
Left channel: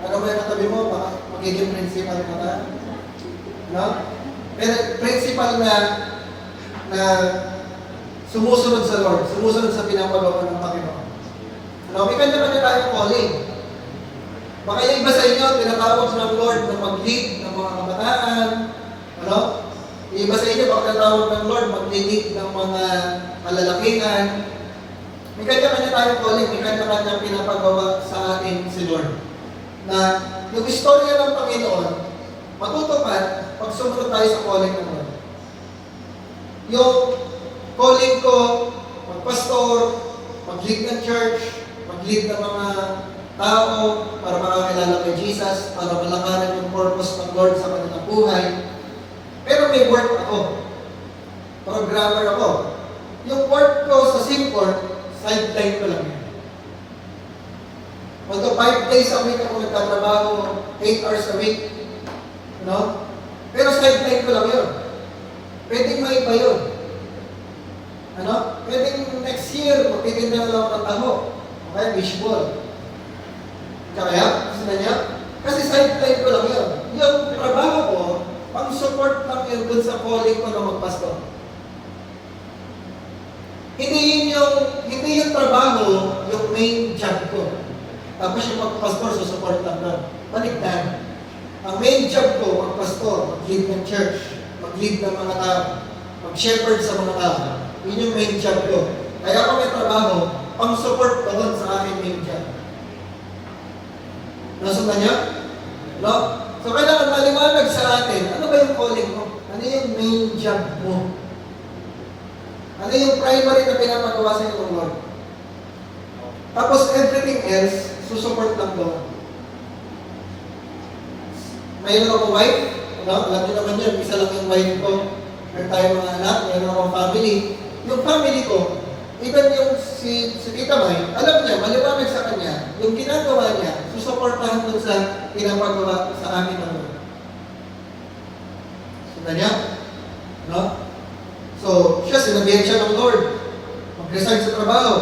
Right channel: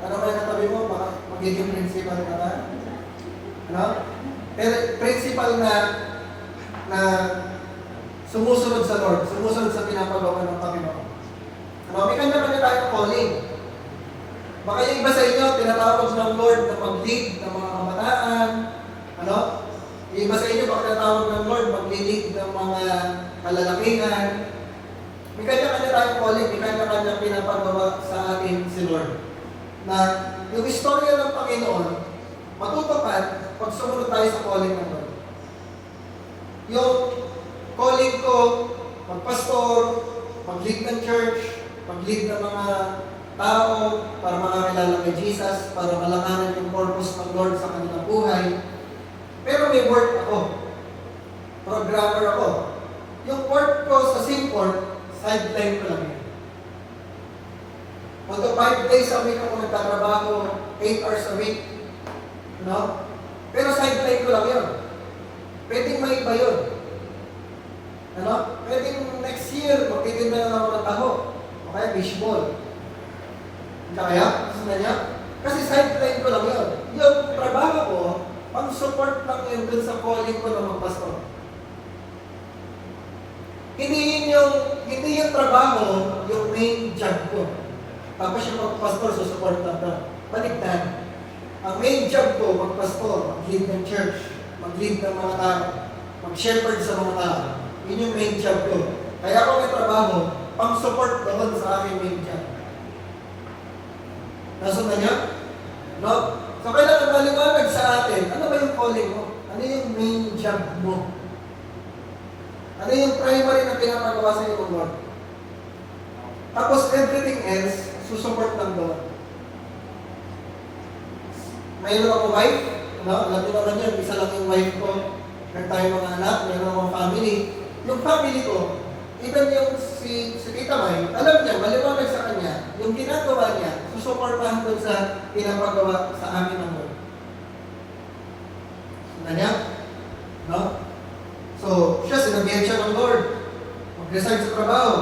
Ano ba yung natabi mo? Baka magiging principal ka ba? Ano? Pero principal na sumusunod sa Lord, sumusunod sa pinapagawa ng Panginoon. Ano? May kanya-kanya tayong calling. Baka yung iba sa inyo, tinatawag ng Lord na mag-lead ng mga kabataan. Ano? Yung iba sa inyo, baka tinatawag ng Lord mag-lead ng mga kalalakingan. May kanya-kanya tayong calling, may kanya-kanya pinapagawa sa atin si Lord. Na yung istorya ng Panginoon, matutupad pag sumunod tayo sa calling ng Lord. Yung calling ko, magpastor, mag-lead ng church, mag-lead ng mga tao para makakilala kay Jesus, para malakaran yung purpose ng Lord sa kanilang buhay. Pero may work ako. Programmer ako. Yung work ko sa Simport, sideline ko lang yun. Although 5 days a week ako nagtatrabaho, 8 hours a week, no? Pero sideline ko lang yun. Pwedeng may iba yun. Ano? Pwedeng next year, magtitinda na lang ako ng taho. O kaya fishball. Kaya? Gusto na niya? Kasi sideline ko lang yun. Yung trabaho ko, pang-support lang yun dun sa calling ko na magpastor. Hindi yung trabaho, yung main job ko. Tapos yung magpastor, susupport lang doon. Baligtad. Ang main job ko, magpastor, mag-lead ng church, mag-lead ng mga tao, mag-shepherd sa mga tao. Yun yung main job ko. Kaya ako may trabaho, pang-support ko doon sa aking main job. Nasundan niya? No? So, kailangan maliwanag sa atin, ano ba yung calling mo? Ano yung main job mo? Ano yung primary na pinapagawa sa iyo ng Lord? Tapos, everything else, susupport lang doon. Mayroon ako wife, ano? Alam niyo naman yun, isa lang yung wife ko. Meron tayo mga anak, mayroon akong family. Yung family ko, even yung si Tita May, alam niya, maliwanag sa kanya, yung ginagawa niya, susuportahan doon sa pinapagawa sa amin ng Lord. Sina niya? No? So, siya, sinabihan siya ng Lord. Mag-resign sa trabaho.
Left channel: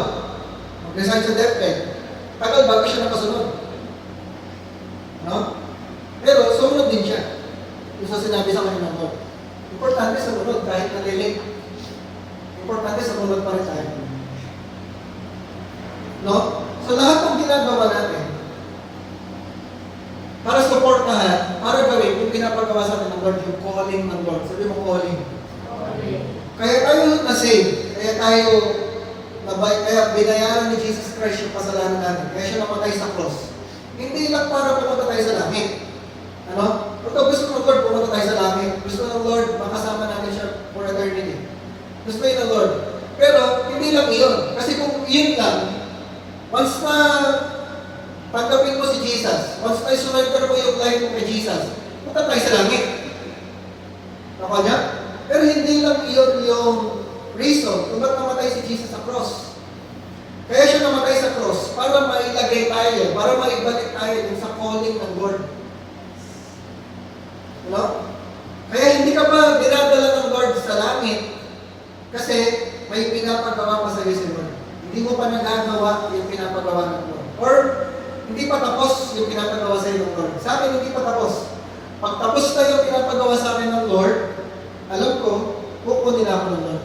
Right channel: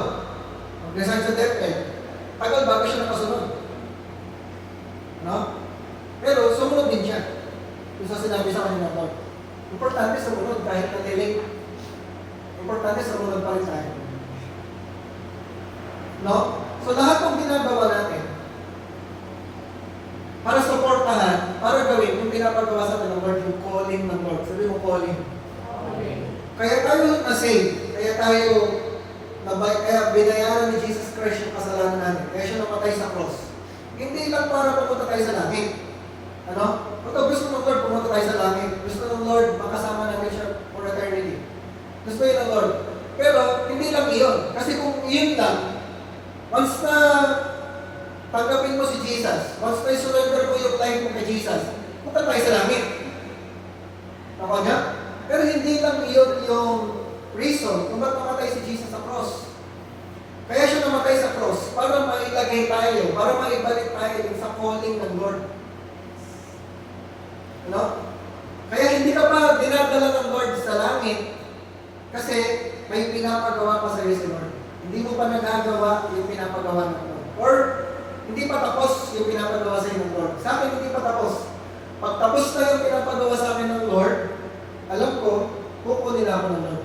Mag-resign sa deathbed. Tagal bago siya nakasunod. No? Pero, sumunod din siya. Yung sa sinabi sa kanya ng Lord. Importante sumunod kahit na-delay. Importante sumunod pa rin tayo. No? So, lahat ng ginagawa natin, para supportahan, para gawin, yung pinapagawa sa atin ng Lord, yung calling ng Lord. Sabi mo, calling. Kaya tayo na-save, kaya binayaran ni Jesus Christ yung kasalanan natin, kaya siya namatay sa cross. Hindi lang para pumunta tayo sa langit. Ano? Pagka gusto ng Lord, pumunta tayo sa langit. Gusto ng Lord, makasama natin siya for eternity. Gusto yun ng Lord. Pero, hindi lang iyon. Kasi kung yun lang, once na tanggapin mo si Jesus, once na surrender mo yung life mo kay Jesus, punta tayo sa langit. Ako niya? Pero hindi lang iyon yung reason kung ba't namatay si Jesus sa cross. Kaya siya namatay sa cross para mailagay tayo, para maibalik tayo sa calling ng Lord. No? Kaya hindi ka pa dinadala ng Lord sa langit kasi may pinapagawa pa sa iyo si Lord. Hindi mo pa nagagawa yung pinapagawa ng Lord. Or hindi pa tapos yung pinapagawa sa iyo ng Lord. Sa akin, hindi pa tapos. Pag tapos na yung pinapagawa sa akin ng Lord, alam ko, kukunin ako ng Lord.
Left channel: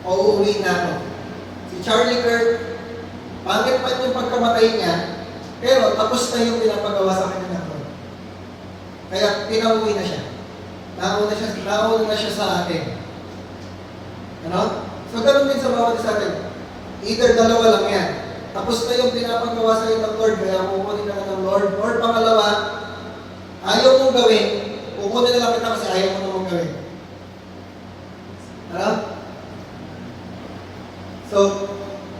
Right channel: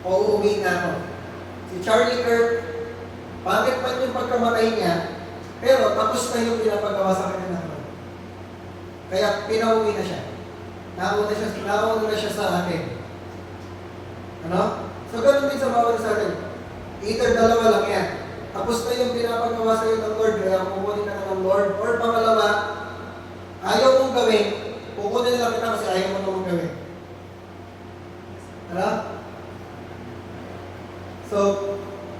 O uuwi na ako. Si Charlie Kirk, pangit man yung pagkamatay niya, pero tapos na yung pinapagawa sa akin ng Lord. Kaya pinauwi na siya. Nauna na siya sa akin. Ano? So, ganun din sa bawat sa atin. Either dalawa lang yan. Tapos na yung pinapagawa sa iyo ng Lord, kaya kukunin ka na ng Lord. Or pangalawa, ayaw kong gawin, kukunin na lang kita kasi ayaw kong gawin. Ano? So,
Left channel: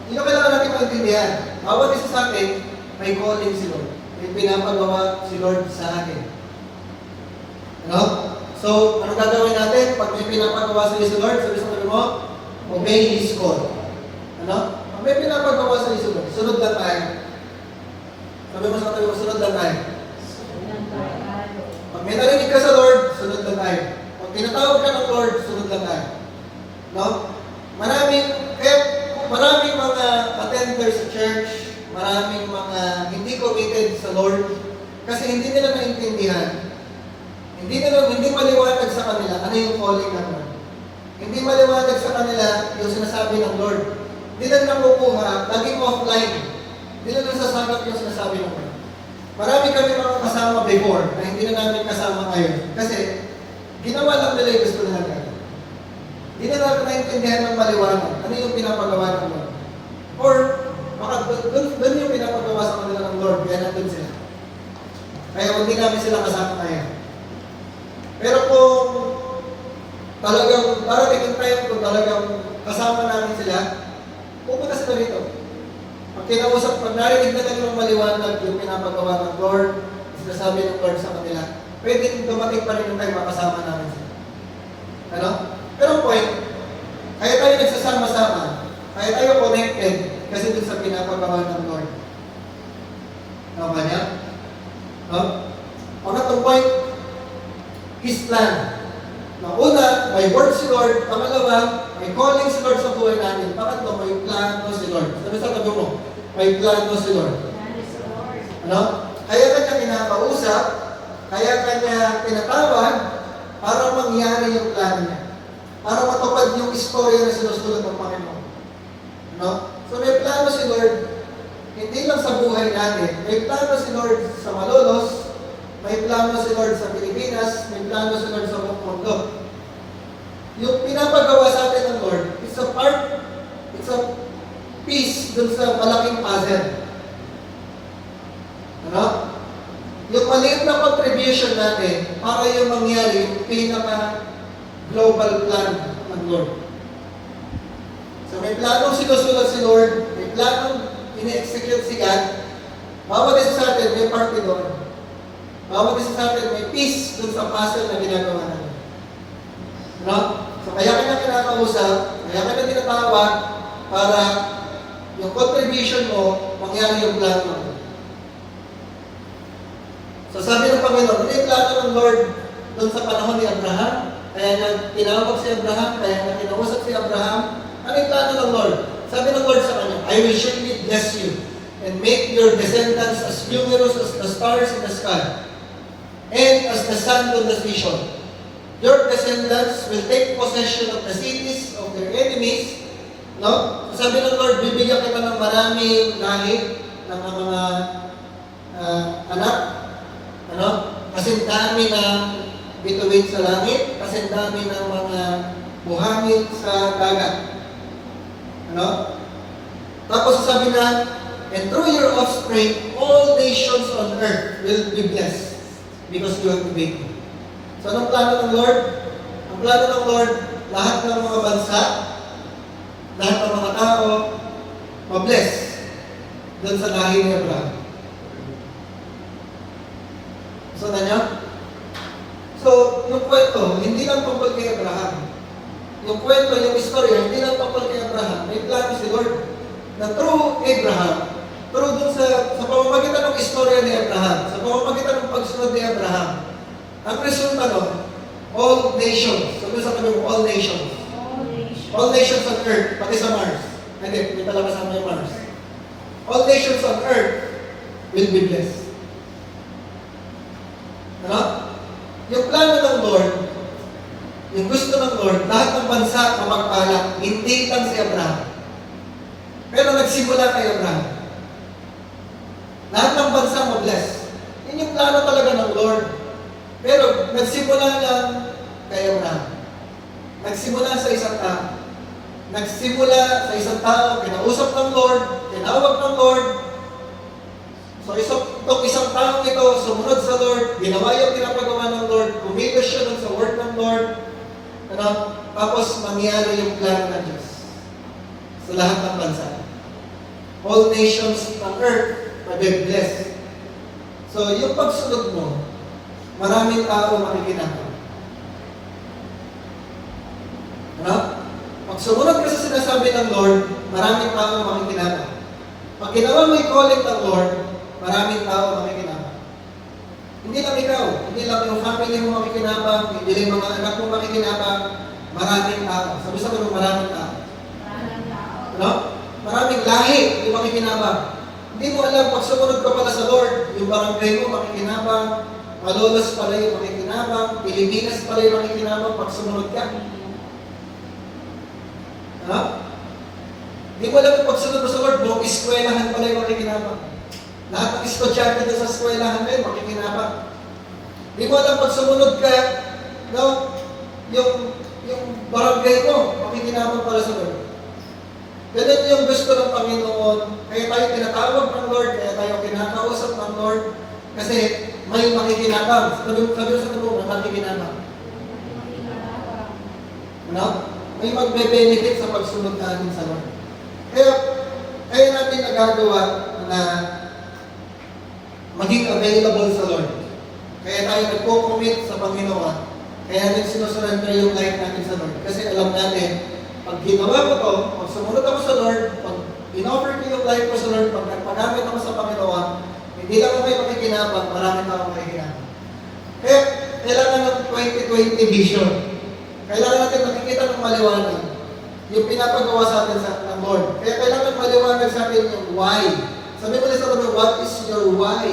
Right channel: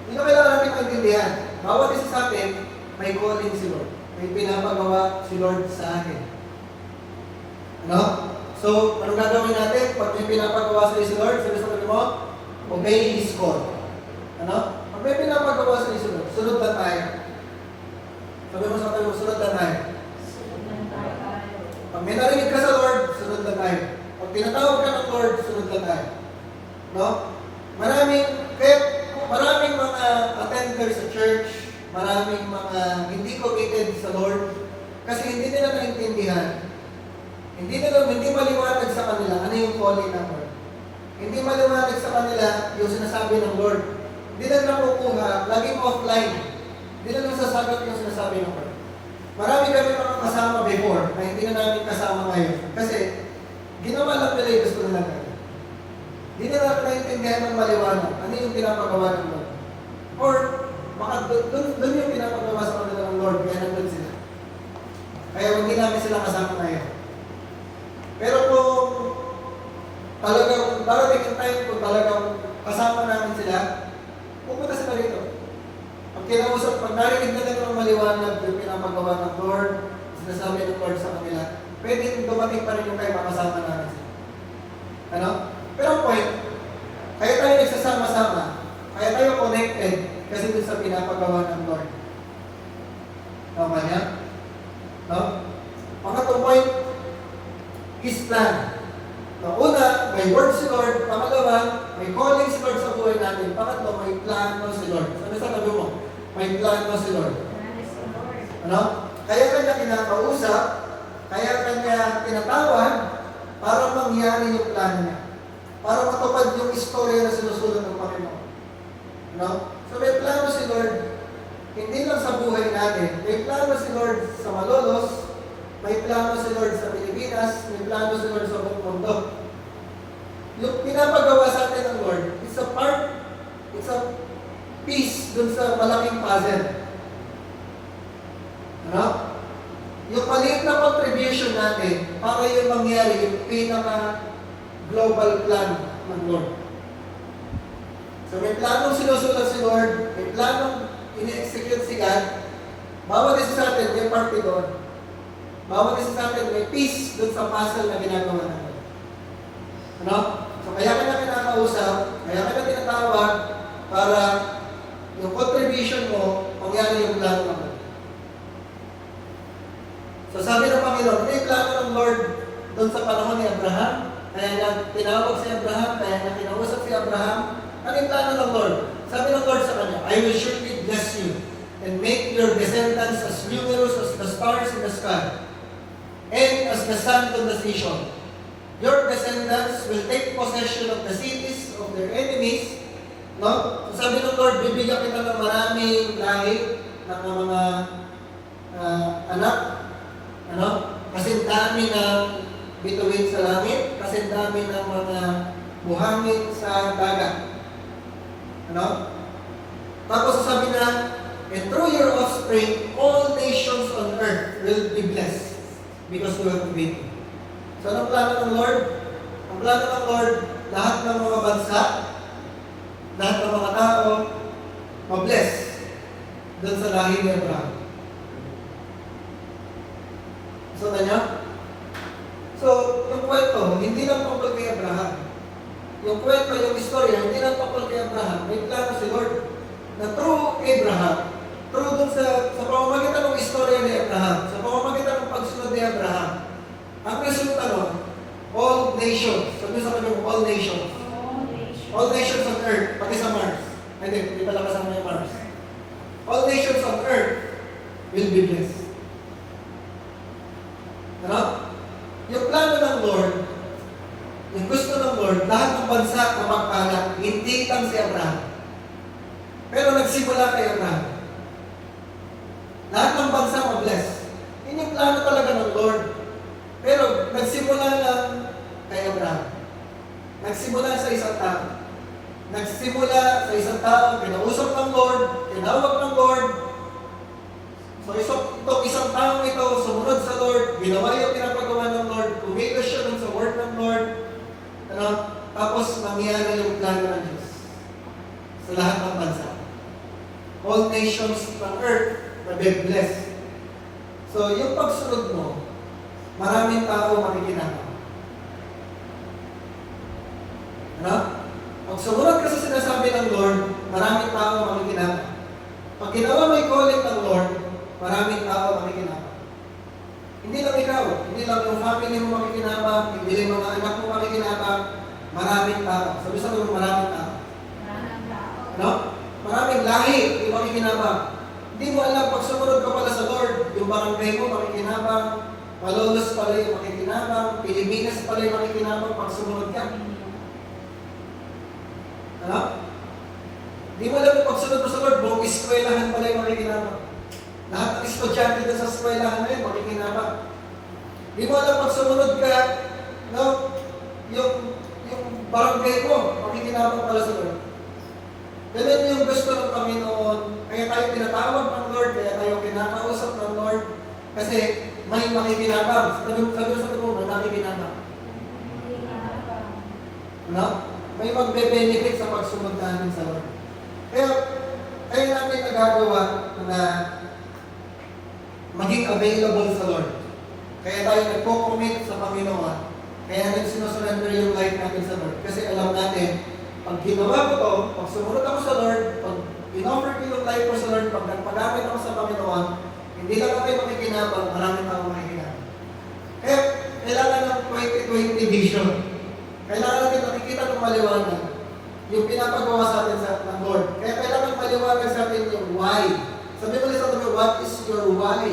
hindi na kailangan natin maintindihan. Bawat isa sa atin, may calling si Lord. May pinapagawa si Lord sa atin. Ano? So, anong gagawin natin? Pag may pinapagawa sa iyo si Lord, sabi mo, obey His call. Ano? Pag may pinapagawa sa iyo si Lord, sunod lang tayo. Sabi mo sa tayo, sunod lang tayo. tinatawag ka ng Lord, sunod lang tayo. No? Maraming mga attenders sa church, maraming mga hindi committed sa Lord, kasi hindi nila naintindihan. Hindi maliwanag sa kanila ano yung calling ng Lord. Hindi maliwanag sa kanila yung sinasabi ng Lord. Hindi na nakukuha, laging offline. Hindi na nasasagap yung sinasabi ng Lord. Marami kami mga kasama before na hindi na namin kasama ngayon. Kasi ginawa lang nila yung gusto nila gawin. Hindi nila naintindihan ng maliwanag. Ano yung pinapagawa ng Lord? Or, doon yung pinapagawa sa kanila ng Lord, kaya nandun sila. Kaya hindi namin sila kasama ngayon. Pero kung talagang, darating yung time kung talagang kasama namin sila, pupunta sila rito. Pag narinig na nila ng maliwanag yung pinapagawa ng Lord, sinasabi ng Lord sa kanila, pwede dumating pa rin yung time makasama namin sila. Ano? Pero ang point, kaya tayo nagsasama-sama, kaya tayo connected kasi dun sa pinapagawa ng Lord. Tama niya? No? Pangatong point, His plan. Una, may word si Lord. Pangalawa, may calling si Lord sa buhay natin. Pangatlo, may plano si Lord. Sabi sa tabi mo, may plano si Lord. Ano? Kaya kanya kinakausap, kaya kanya tinatawag para mangyari yung plano niya. Para matupad yung istorya na sinusulot ng Panginoon. Ano? So may plano si Lord, hindi lang sa buhay natin. May plano si Lord sa Malolos, may plano si Lord sa Pilipinas, may plano si Lord sa buong mundo. Yung pinapagawa sa atin ng Lord, it's a piece dun sa malaking puzzle. Ano? Yung maliit na contribution natin para yung mangyari yung pinaka-global plan ng Lord. So may planong sinusulat si Lord, may planong ini-execute si God, bawat isa sa atin may parte doon. Bawat isa sa atin may piece dun sa puzzle na ginagawa natin. Ano? So kaya kita kinakausap, kaya kita tinatawag para yung contribution mo, mangyari yung plano ng Lord. So sabi ng Panginoon, ano yung plano ng Lord dun sa panahon ni Abraham? Kaya niya tinawag si Abraham, kaya niya kinausap si Abraham. Ano yung plano ng Lord? Sabi ng Lord sa kanya, I will surely bless you and make your descendants as numerous as the stars in the sky and as the sand on the seashore. Your descendants will take possession of the cities of their enemies. No? So sabi ng Lord, bibigyan kita ng maraming lahi ng mga anak. Ano? Kasi dami ng bituin sa langit, kasi dami ng mga buhangin sa dagat. Ano? Tapos sasabi na, and through your offspring, all nations on earth will be blessed because you have obeyed me. So anong plano ng Lord? Ang plano ng Lord, lahat ng mga bansa, lahat ng mga tao, mabless doon sa lahi ni Abraham. So na niya? So, yung kwento, hindi lang tungkol kay Abraham. Yung kwento, yung istorya, hindi lang tungkol kay Abraham. May plano si Lord na through Abraham, through dun sa pamamagitan ng istorya ni Abraham, sa pamamagitan ng pagsunod ni Abraham, ang resulta nun, all nations, sabi sa kanya, all nations. All nations on earth, pati sa Mars. Hindi pala kasama yung Mars. All nations on earth will be blessed. Ano? Yung plano ng Lord, yung gusto ng Lord, lahat ng bansa mapagpalat, hindi lang si Abraham. Pero nagsimula kay Abraham. Lahat ng bansa mabless. Yun yung plano talaga ng Lord. Pero nagsimula lang kay Abraham. Nagsimula sa isang tao. Nagsimula sa isang tao, kinausap ng Lord, tinawag ng Lord. So itong isang taong ito, sumunod sa Lord, ginawa yung pinapagawa ng Lord, kumilos siya dun sa word ng Lord, ano? Tapos mangyari yung plano ng Diyos sa lahat ng bansa. All nations ng earth are being blessed. So yung pagsunod mo, maraming tao makikinabang. Ano? Pag sumunod ka sa sinasabi ng Lord, maraming tao makikinabang. Pag ginawa mo yung calling ng Lord, maraming tao makikinabang. Hindi lang ikaw, hindi hindi lang yung family mo makikinabang, hindi lang yung mga anak mo makikinabang, maraming tao. Sabi sa mga maraming tao. No? Maraming lahi yung makikinabang. Hindi mo alam, pag sumunod ka pala sa Lord, yung barangay mo makikinabang, Malolos pala yung makikinabang, Pilipinas pala yung makikinabang pag sumunod ka. Ano? Hindi mo alam yung pagsunod mo sa Lord, buong eskwelahan pala yung makikinabang. Lahat ng estudyante doon sa eskwelahan na yun, makikinabang. Hindi mo alam pag sumunod ka, no, yung barangay mo, makikinabang pala sa Lord. Ganun yung gusto ng Panginoon. Kaya tayo tinatawag ng Lord, kaya tayo kinakausap ng Lord. Kasi may makikinabang. Sabi sa tubo, may makikinabang. Ano? May magbe-benefit sa pagsunod natin sa Lord. Kaya natin nagagawa na maging available sa Lord. Kaya tayo nagko-commit sa Panginoon. Kaya natin sinusurrender yung life natin sa Lord. Kasi alam natin, pag ginawa ko to, pag sumunod ako sa Lord, pag in-offer ko yung life ko sa Lord, pag nagpagamit ako sa Panginoon, hindi lang tayo makikinabang, maraming tao makikinabang. Kaya kailangan ng 2020 vision. Kailangan natin nakikita ng maliwanag yung pinapagawa sa atin ng Lord. Kaya kailangan maliwanag sa atin yung why. Sabi mo sa atin, what is your why?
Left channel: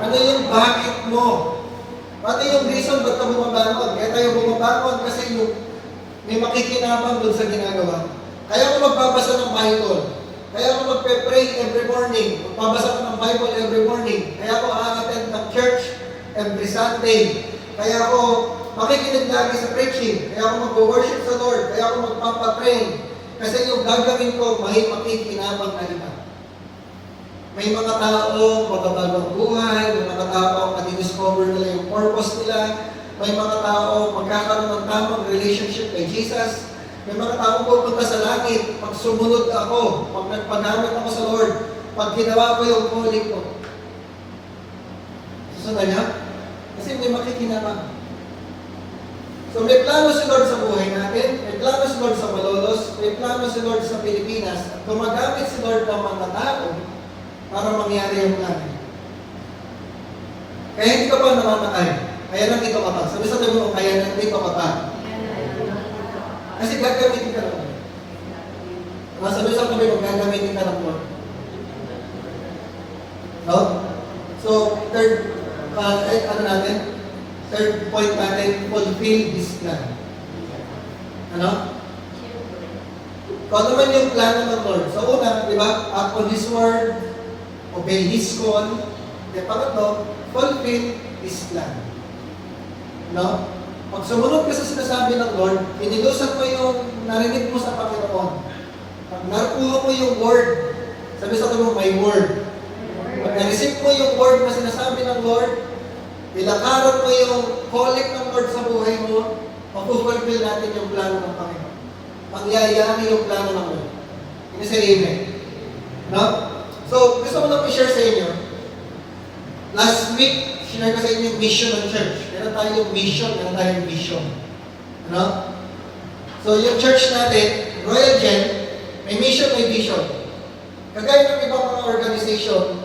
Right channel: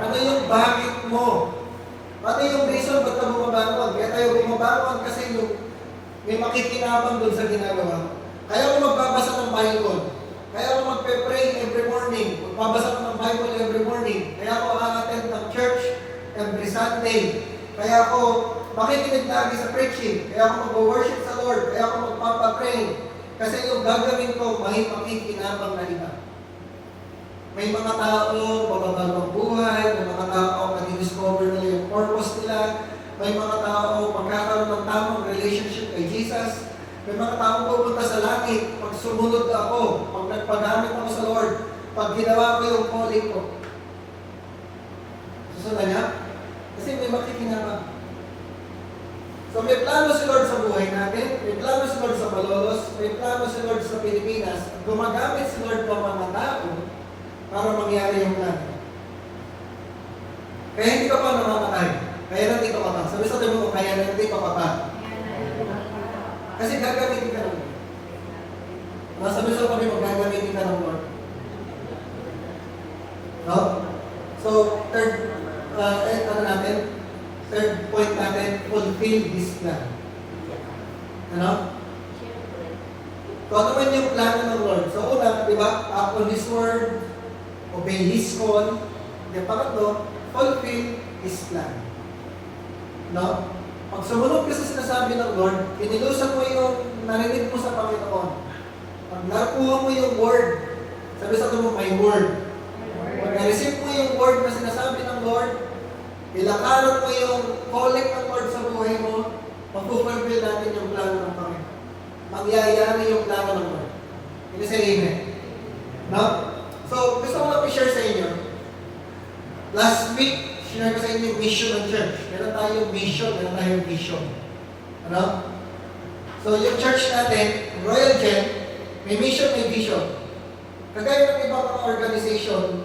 Ano yung bakit mo? Ano yung reason ba't ka bumabangon? Kaya tayo bumabangon kasi yung may makikinabang doon sa ginagawa. Kaya ako magbabasa ng Bible. Kaya ako magpe-pray every morning. Magbabasa ko ng Bible every morning. Kaya ako a-attend ng church every Sunday. Kaya ako makikinig lagi sa preaching. Kaya ako mag-worship sa Lord. Kaya ako magpapapray. Kasi yung gagawin ko, may makikinabang na iba. May mga tao, magbabago ang buhay. May mga tao, madi-discover nila yung purpose nila. May mga tao magkakaroon ng tamang relationship kay Jesus. May mga tao pupunta sa langit pag sumunod ako, pag nagpagamit ako sa Lord, pag ginawa ko yung calling ko. Susunod niya? Kasi hindi makikinabang. So may plano si Lord sa buhay natin, may plano si Lord sa Malolos, may plano si Lord sa Pilipinas, at gumagamit si Lord ng mga tao para mangyari yung plano. Kaya hindi ka pa namamatay. Kaya nandito ka pa. Sabi sa tabi mo, kaya nandito ka pa. Kasi gagamitin ka ng Lord. Sabi sa tabi mo, gagamitin ka ng Lord. No? So, third point natin, fulfill His plan. Ano? Kung ano man yung plano ng Lord. So, una, di ba? Act on His word, obey His call. Yung pangatlo, fulfill His plan. No? Pag sumunod ka sa sinasabi ng Lord, pinilusan mo yung narinig mo sa Panginoon. Pag narukuha mo yung word, sabi sa mo, may word. Pag na-receive mo yung word na sinasabi ng Lord, ilakaran mo yung calling ng Lord sa buhay mo, mapufulfill natin yung plano ng Panginoon. Mangyayari yung plano ng Lord. Hindi sa amen. No? So, gusto ko lang i-share sa inyo. Last week, share ko sa inyo yung mission ng church. Meron tayong mission, meron tayong vision. Ano? So, yung church natin, Royal Gen, may mission, may vision. Kagaya ng ibang mga organization,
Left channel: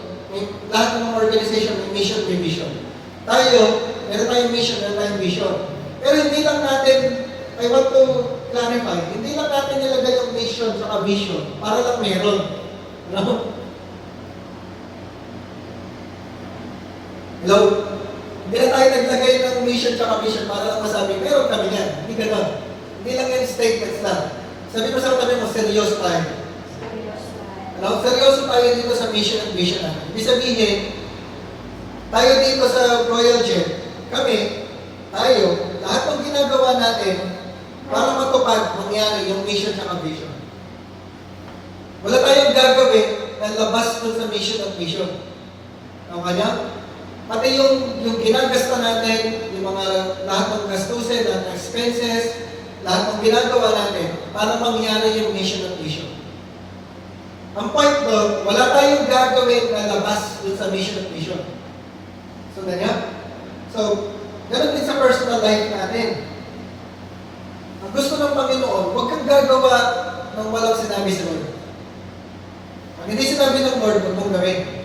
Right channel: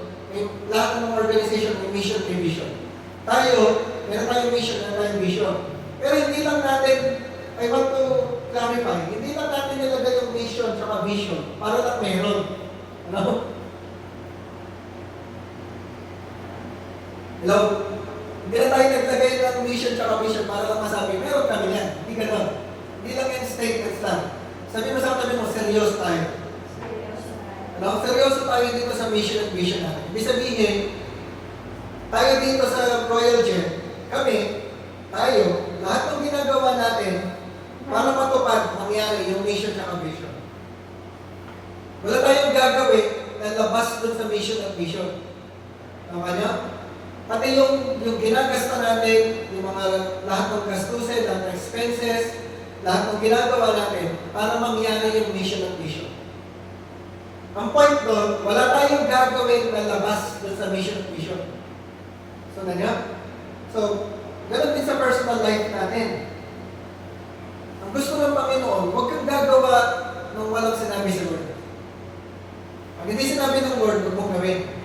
lahat ng mga organization may mission, may vision. Tayo, meron tayong mission, meron tayong vision. Pero hindi lang natin, I want to clarify, hindi lang natin nilagay yung mission sa vision para lang meron. Ano? Hello? Hindi na tayo naglagay ng mission tsaka vision para lang masabi, meron kami yan. Hindi gano'n. Hindi lang yan statements lang. Sabi mo sa katabi mo, seryoso tayo. Ano? Seryoso tayo dito sa mission and vision natin. Ibig sabihin, tayo dito sa Royal Gen, kami, tayo, lahat ng ginagawa natin para matupad mangyari yung mission tsaka vision. Wala tayong gagawin na labas dun sa mission at vision. Ang kanya? Pati yung ginagasta natin, yung mga lahat ng gastusin, lahat ng expenses, lahat ng ginagawa natin para mangyari yung mission at vision. Ang point doon, wala tayong gagawin na labas dun sa mission at vision. So, ganyan. So, ganun din sa personal life natin. Ang gusto ng Panginoon, huwag kang gagawa ng walang sinabi sa Lord. Pag hindi sinabi ng Lord, huwag mong gawin.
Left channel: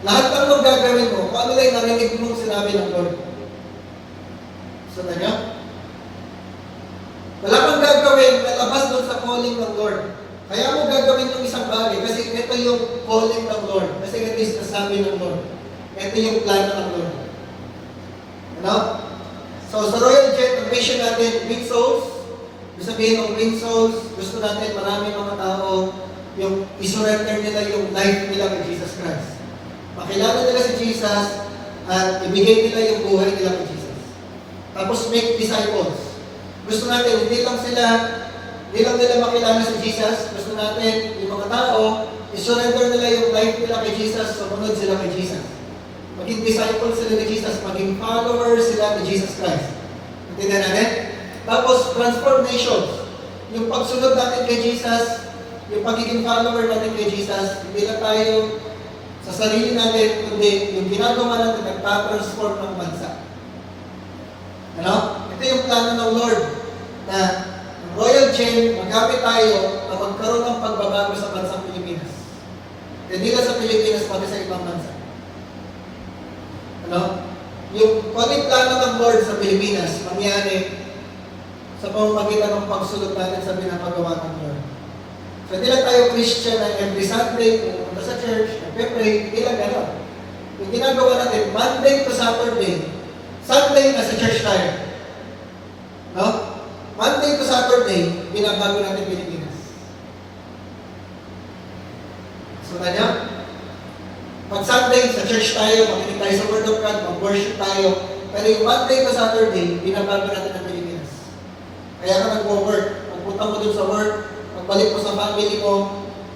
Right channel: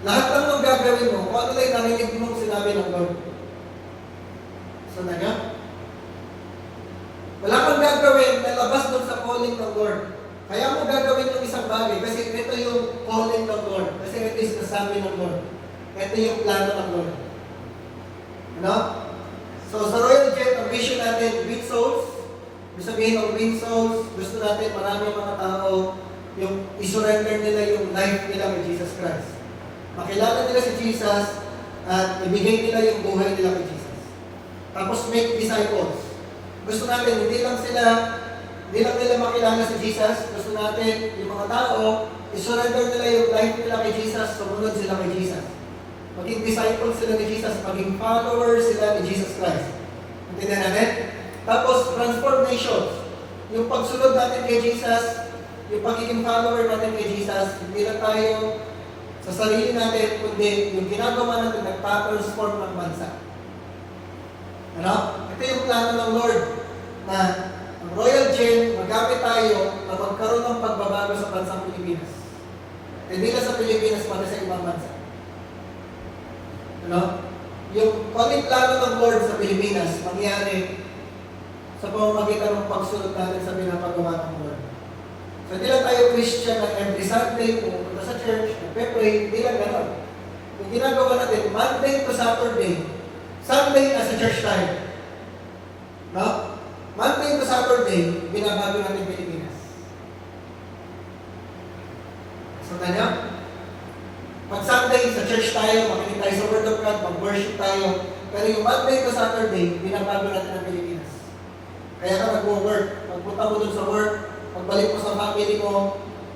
Lahat ng gagawin mo, kung ano lang narinig mong sinabi ng Lord. Sundan niyo? Wala kang gagawin na labas doon sa calling ng Lord. Kaya mo gagawin yung isang bagay kasi ito yung calling ng Lord. Kasi ito yung sinasabi ng Lord. Ito yung plano ng Lord. Ano? So sa Royal Jet, ang mission natin, win souls. Ibig sabihin ng win souls, gusto natin marami mga tao yung isurrender nila yung life nila kay Jesus Christ. Makilala nila si Jesus at ibigay nila yung buhay nila kay Jesus. Tapos make disciples. Gusto natin, hindi lang nila makilala si Jesus. Gusto natin, yung mga tao, isurrender nila yung life nila kay Jesus, sumunod sila kay Jesus. Maging disciples sila ni Jesus, maging followers sila ni Jesus Christ. Intindihan natin? Tapos, transformations. Yung pagsunod natin kay Jesus, yung pagiging follower natin kay Jesus, hindi lang tayo sa sarili natin, kundi yung ginagawa natin, nagpa-transform ng bansa. Ano? Ito yung plano ng Lord na ang Royal Chain, magamit tayo na magkaroon ng pagbabago sa bansang Pilipinas. Hindi lang sa Pilipinas, pati sa ibang bansa. Ano? Yung plano ng Lord sa Pilipinas, mangyari sa pamamagitan ng pagsunod natin sa pinapagawa ng Lord. So, hindi lang tayo Christian na every Sunday, pumunta sa church, nagpe-pray, hindi lang gano'n. Yung ginagawa natin, Monday to Saturday, Sunday nasa church tayo. No? Monday to Saturday, binabago natin Pilipinas. So, tanya? Pag Sunday, sa church tayo, makinig tayo sa Word of God, mag-worship tayo. Pero yung Monday to Saturday, binabago natin ang Pilipinas. Kaya ka nag-work, pagpunta mo dun sa work, pagbalik mo sa family mo,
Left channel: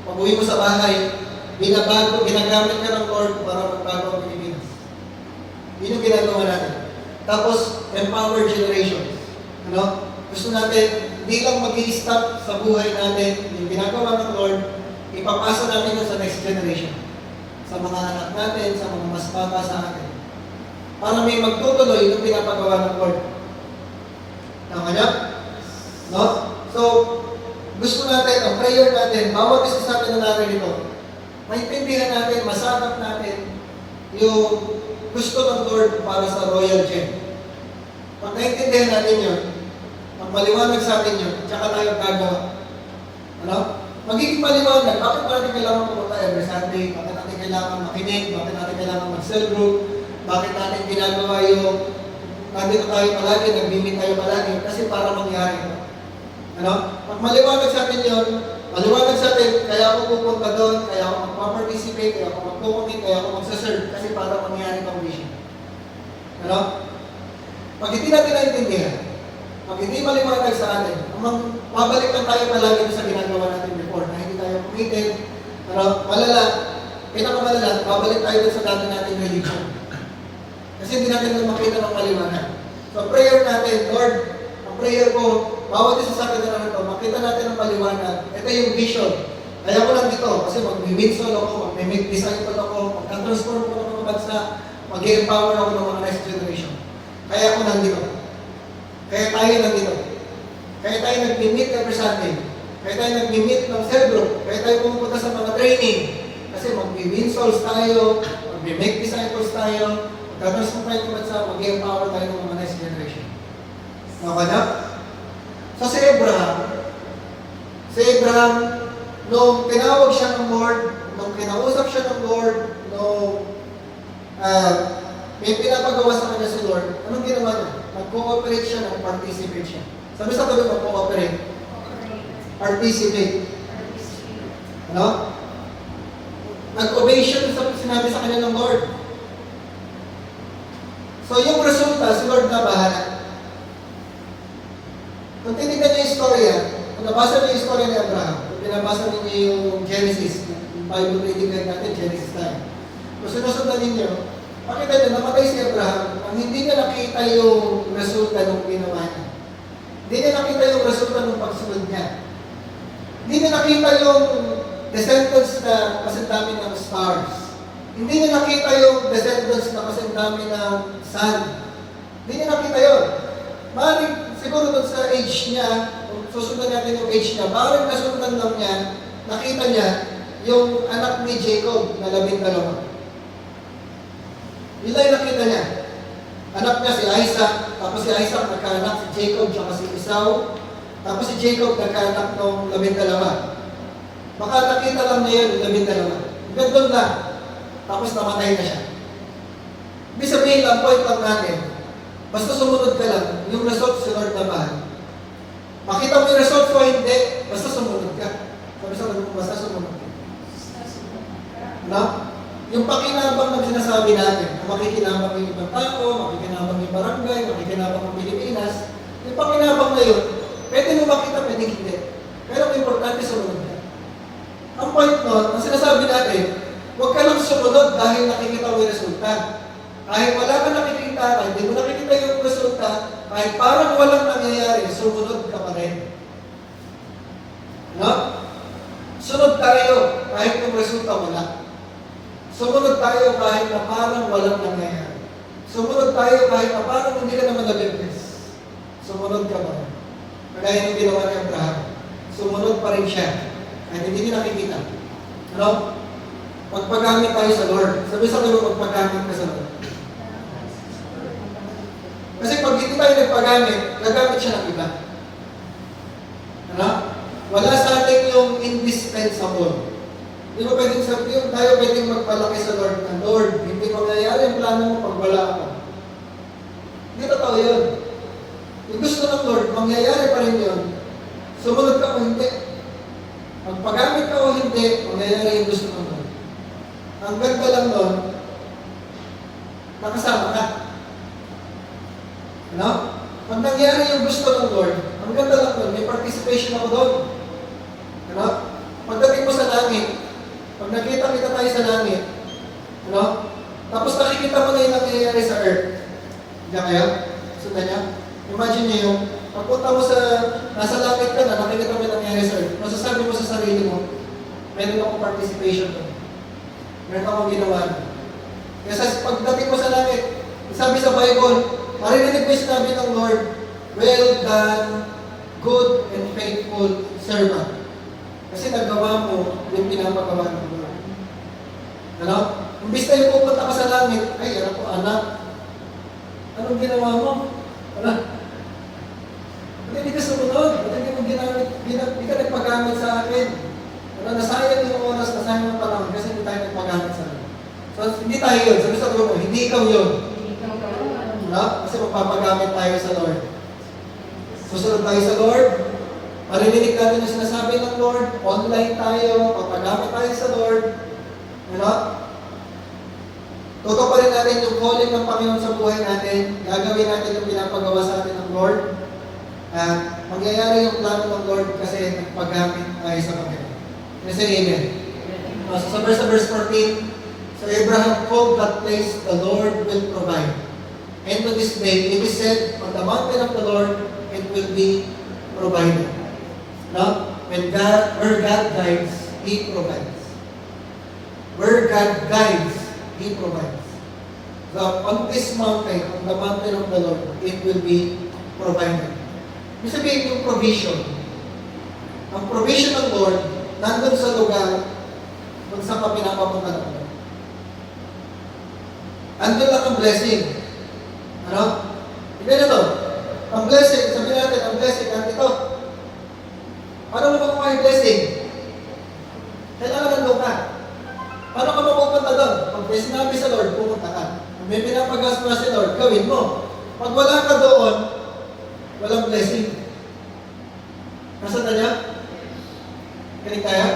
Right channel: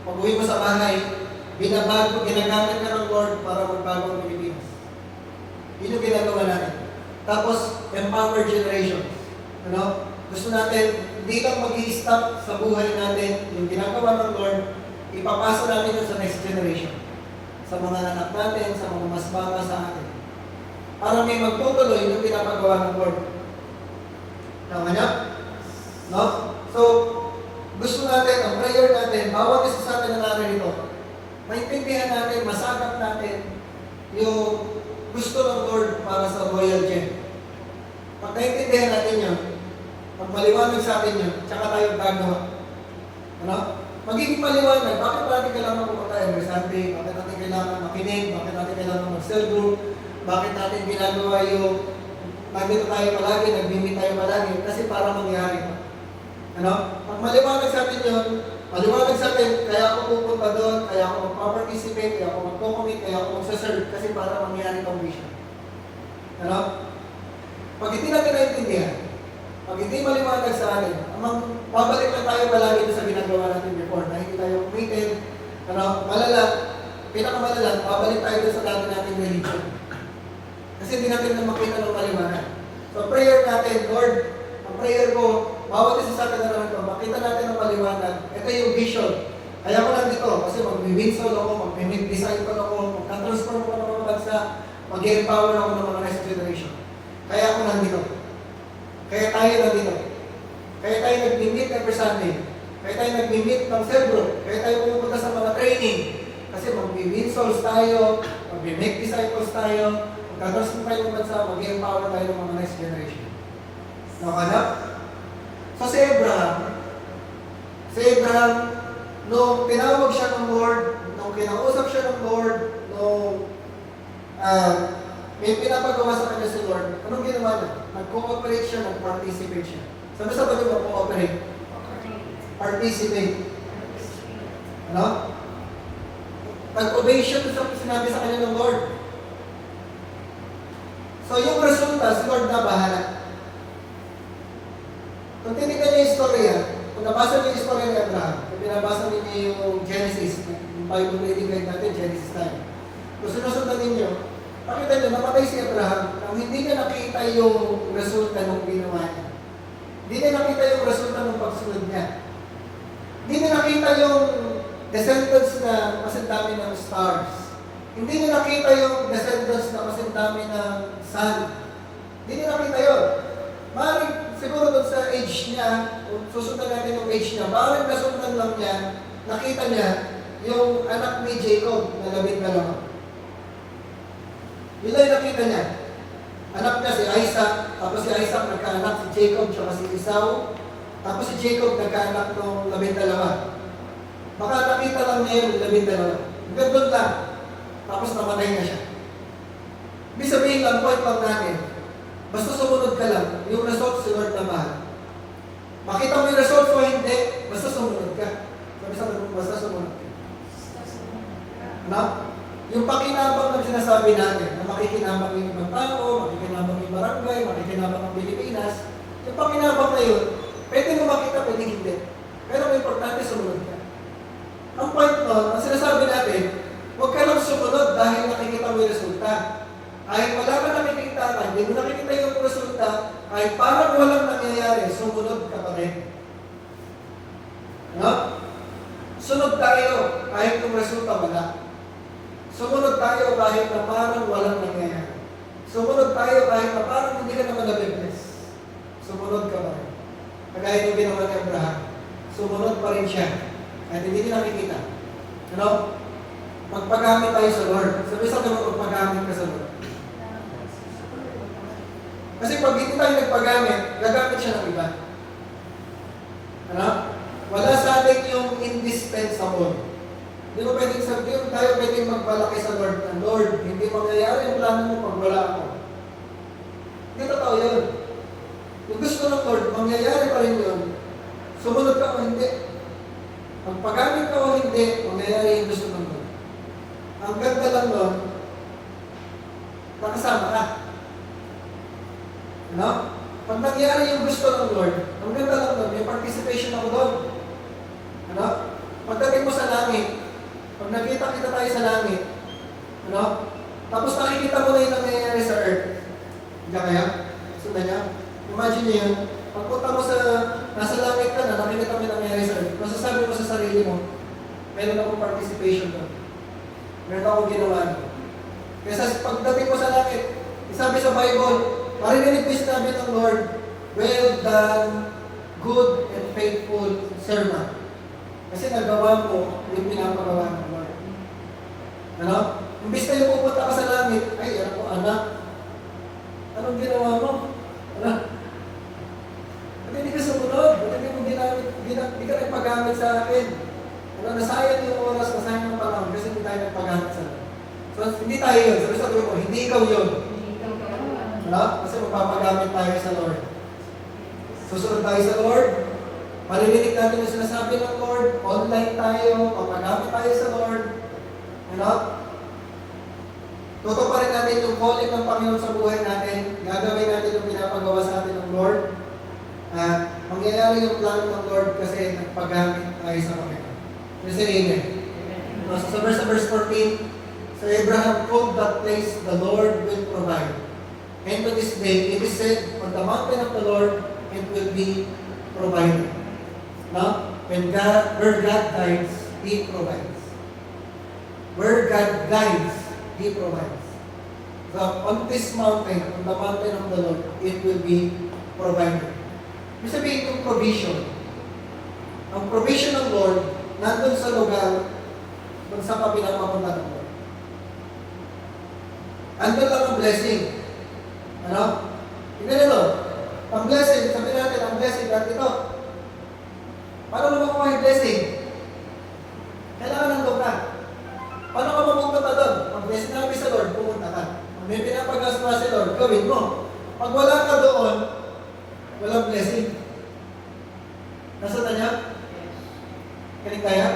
pag-uwi mo sa bahay, binabago, ginagamit ka ng Lord para magbago ang Pilipinas. Yun yung ginagawa natin. Tapos, empower generations. Ano? Gusto natin, hindi lang mag-i-stop sa buhay natin, yung ginagawa ng Lord, ipapasa natin yun sa next generation. Sa mga anak natin, sa mga mas bata sa atin. Para may magtutuloy yung pinapagawa ng Lord. Tama niya? No? So, gusto natin, ang prayer natin, bawat isa sa atin na narito, maintindihan natin, masakap natin yung gusto ng Lord para sa Royal Chain. Pag naintindihan natin yun, pag maliwanag sa atin yun, tsaka tayo gagawa. Ano? Magiging maliwanag, bakit natin kailangan pumunta every Sunday? Bakit natin kailangan makinig? Bakit natin kailangan mag-cell group? Bakit natin ginagawa yung nandito tayo palagi, nag-meet tayo palagi? Kasi para mangyari ito. Ano? Pag maliwanag sa atin yun, maliwanag sa atin, kaya ako pupunta doon, kaya ako magpa-participate, kaya ako magpupunit, kaya ako magsaserve, kasi para mangyari itong mission. Ano? Pag hindi natin naintindihan, pag hindi maliwanag sa atin, babalik lang tayo palagi sa ginagawa natin before, na hindi tayo committed, malala, pinakamalala, babalik tayo sa dati natin religion. Kasi hindi natin makita ng maliwanag. So prayer natin, Lord, ang prayer ko, bawat isa sa atin na ito, makita natin ang maliwanag. Ito yung vision. Kaya ako nandito, kasi mag-win-soul ako, mag-make disciple ako, mag-transform ako ng mga bansa, mag-empower ako ng mga next generation. Kaya ako nandito. Kaya tayo nandito. Kaya tayo nag-meet every Sunday. Kaya tayo nag-meet ng cell group. Kaya tayo pumunta sa mga training. Kasi mag-win souls tayo, mag-make disciples tayo, magkatransform tayo ng bansa, mag-empower tayo ng mga next generation. Okay na? So si Abraham, nung tinawag siya ng Lord, nung kinausap siya ng Lord, nung may pinapagawa sa kanya si Lord, anong ginawa niya? Nag-cooperate siya, nag-participate siya. Sabi sa tabi mo, cooperate. Participate. Ano? Nag-obey siya sa sinabi sa kanya ng Lord. So yung resulta, si Lord na bahala. Kung tinignan niyo yung istorya, kung nabasa niyo yung istorya ni Abraham, kung binabasa niyo yung Genesis, yung Bible reading guide natin, Genesis tayo. Kung sinusundan ninyo, makita niyo, napatay si Abraham, ang hindi niya nakita yung resulta ng ginawa niya. Hindi niya nakita yung resulta ng pagsunod niya. Hindi niya nakita yung descendants na kasindami ng stars. Hindi niya nakita yung descendants na kasindami ng sun. Hindi niya nakita yun. Maaaring siguro doon sa age niya, kung susundan natin yung age niya, maaaring nasundan lang niya, nakita niya yung anak ni Jacob na 12. Yun lang yung nakita niya. Anak niya si Isaac, tapos si Isaac nagkaanak si Jacob, tsaka si Esau. Tapos si Jacob nagkaanak ng 12. Baka nakita lang niya yun, 12. Hanggang doon na. Tapos namatay na siya. Ibig sabihin lang, point lang natin, basta sumunod ka lang, yung result si Lord na mahal. Makita mo yung result o hindi, basta sumunod ka. Sabi sa mga, basta sumunod ka. Ano? Yung pakinabang na sinasabi natin, na makikinabang ng ibang tao, makikinabang ng barangay, makikinabang ng Pilipinas, yung pakinabang na yun, pwede mo makita, pwede hindi. Pero ang importante, sumunod ka. Ang point nun, ang sinasabi natin, huwag ka lang sumunod dahil nakikita mo yung resulta. Kahit wala ka nakikita, kahit hindi mo nakikita yung resulta, kahit parang walang nangyayari, sumunod ka pa rin. No? Sunod tayo, kahit yung resulta wala. Sumunod tayo kahit na parang walang nangyayari. Sumunod tayo kahit na parang hindi ka naman nabibiglas. Sumunod ka pa rin. Kagaya yung ginawa ni Abraham. Sumunod pa rin siya. Kahit hindi niya nakikita. Ano? Magpagamit tayo sa Lord. Sabi mo, magpagamit ka sa Lord. Kasi pag hindi tayo nagpagamit, gagamit siya ng iba. Ano? Wala sa atin yung indispensable. Hindi mo pwedeng sabihin, tayo pwedeng magpalaki sa Lord na, Lord, hindi mangyayari ang plano mo pag wala ako. Hindi totoo yun. Yung gusto ng Lord, mangyayari pa rin yun. Sumunod ka o hindi. Pagpagamit ka o hindi, mangyayari yung gusto ng Lord. Ang ganda lang nun, nakasama ka. Ano? Pag nangyari yung gusto ng Lord, ang ganda lang nun, may participation ako doon. Ano? Pagdating mo sa langit, pag nakita-kita tayo sa langit, ano? Tapos nakikita mo na yung nangyayari sa earth. Hindi kaya? Sundan niya? Imagine niyo yung, pagpunta mo sa, nasa langit ka na, nakikita mo yung nangyayari sa earth. Masasabi mo sa sarili mo, meron akong participation doon. Meron akong ginawa. Kasi pagdating mo sa langit, sabi sa Bible, marinig mo yung sinabi ng Lord, well done, good and faithful servant. Kasi nagawa mo yung pinapagawa ng Lord. Ano? Imbis na yung pupunta ka sa langit, ay, ano po, anak? Anong ginawa mo? Wala. Hindi ka sumunod. Hindi mo ginamit, hindi ka nagpagamit sa akin. Wala, nasayang yung oras, nasayang yung panahon kasi hindi tayo nagpagamit sa akin. So, hindi tayo yun. Sabi sa mo, hindi ikaw yun. Ano? Kasi magpapagamit tayo sa Lord. Susunod tayo sa Lord. Marinig natin yung sinasabi ng Lord. Online tayo. Papagamit tayo sa Lord. Ano? Tutuparin natin yung calling ng Panginoon sa buhay natin. Gagawin natin yung pinapagawa sa atin ng Lord. At mangyayari yung plano ng Lord kasi nagpagamit tayo sa Panginoon. Kasi amen. So sa verse 14, so Abraham called that place, the Lord will provide. And to this day, it is said, on the mountain of the Lord, it will be provided. Now, where God guides, He provides. Where God guides, He provides. So, on this mountain, on the mountain of the Lord, it will be provided. Ibig sabihin yung provision. Ang provision ng Lord, nandun sa lugar kung saan ka pinapapunta ng Lord. Andun lang ang blessing. Ano? Tignan nyo to. Ang blessing, sabihin natin, ang blessing, nandito. Paano mo makuha yung blessing? Kailangan nandun ka. Paano ka mapupunta doon? Pag may sinabi sa Lord, pumunta ka. May pinapagaswa si Lord, gawin mo. Pag wala ka doon, walang blessing. Nasaan na niya? Kilig tayo?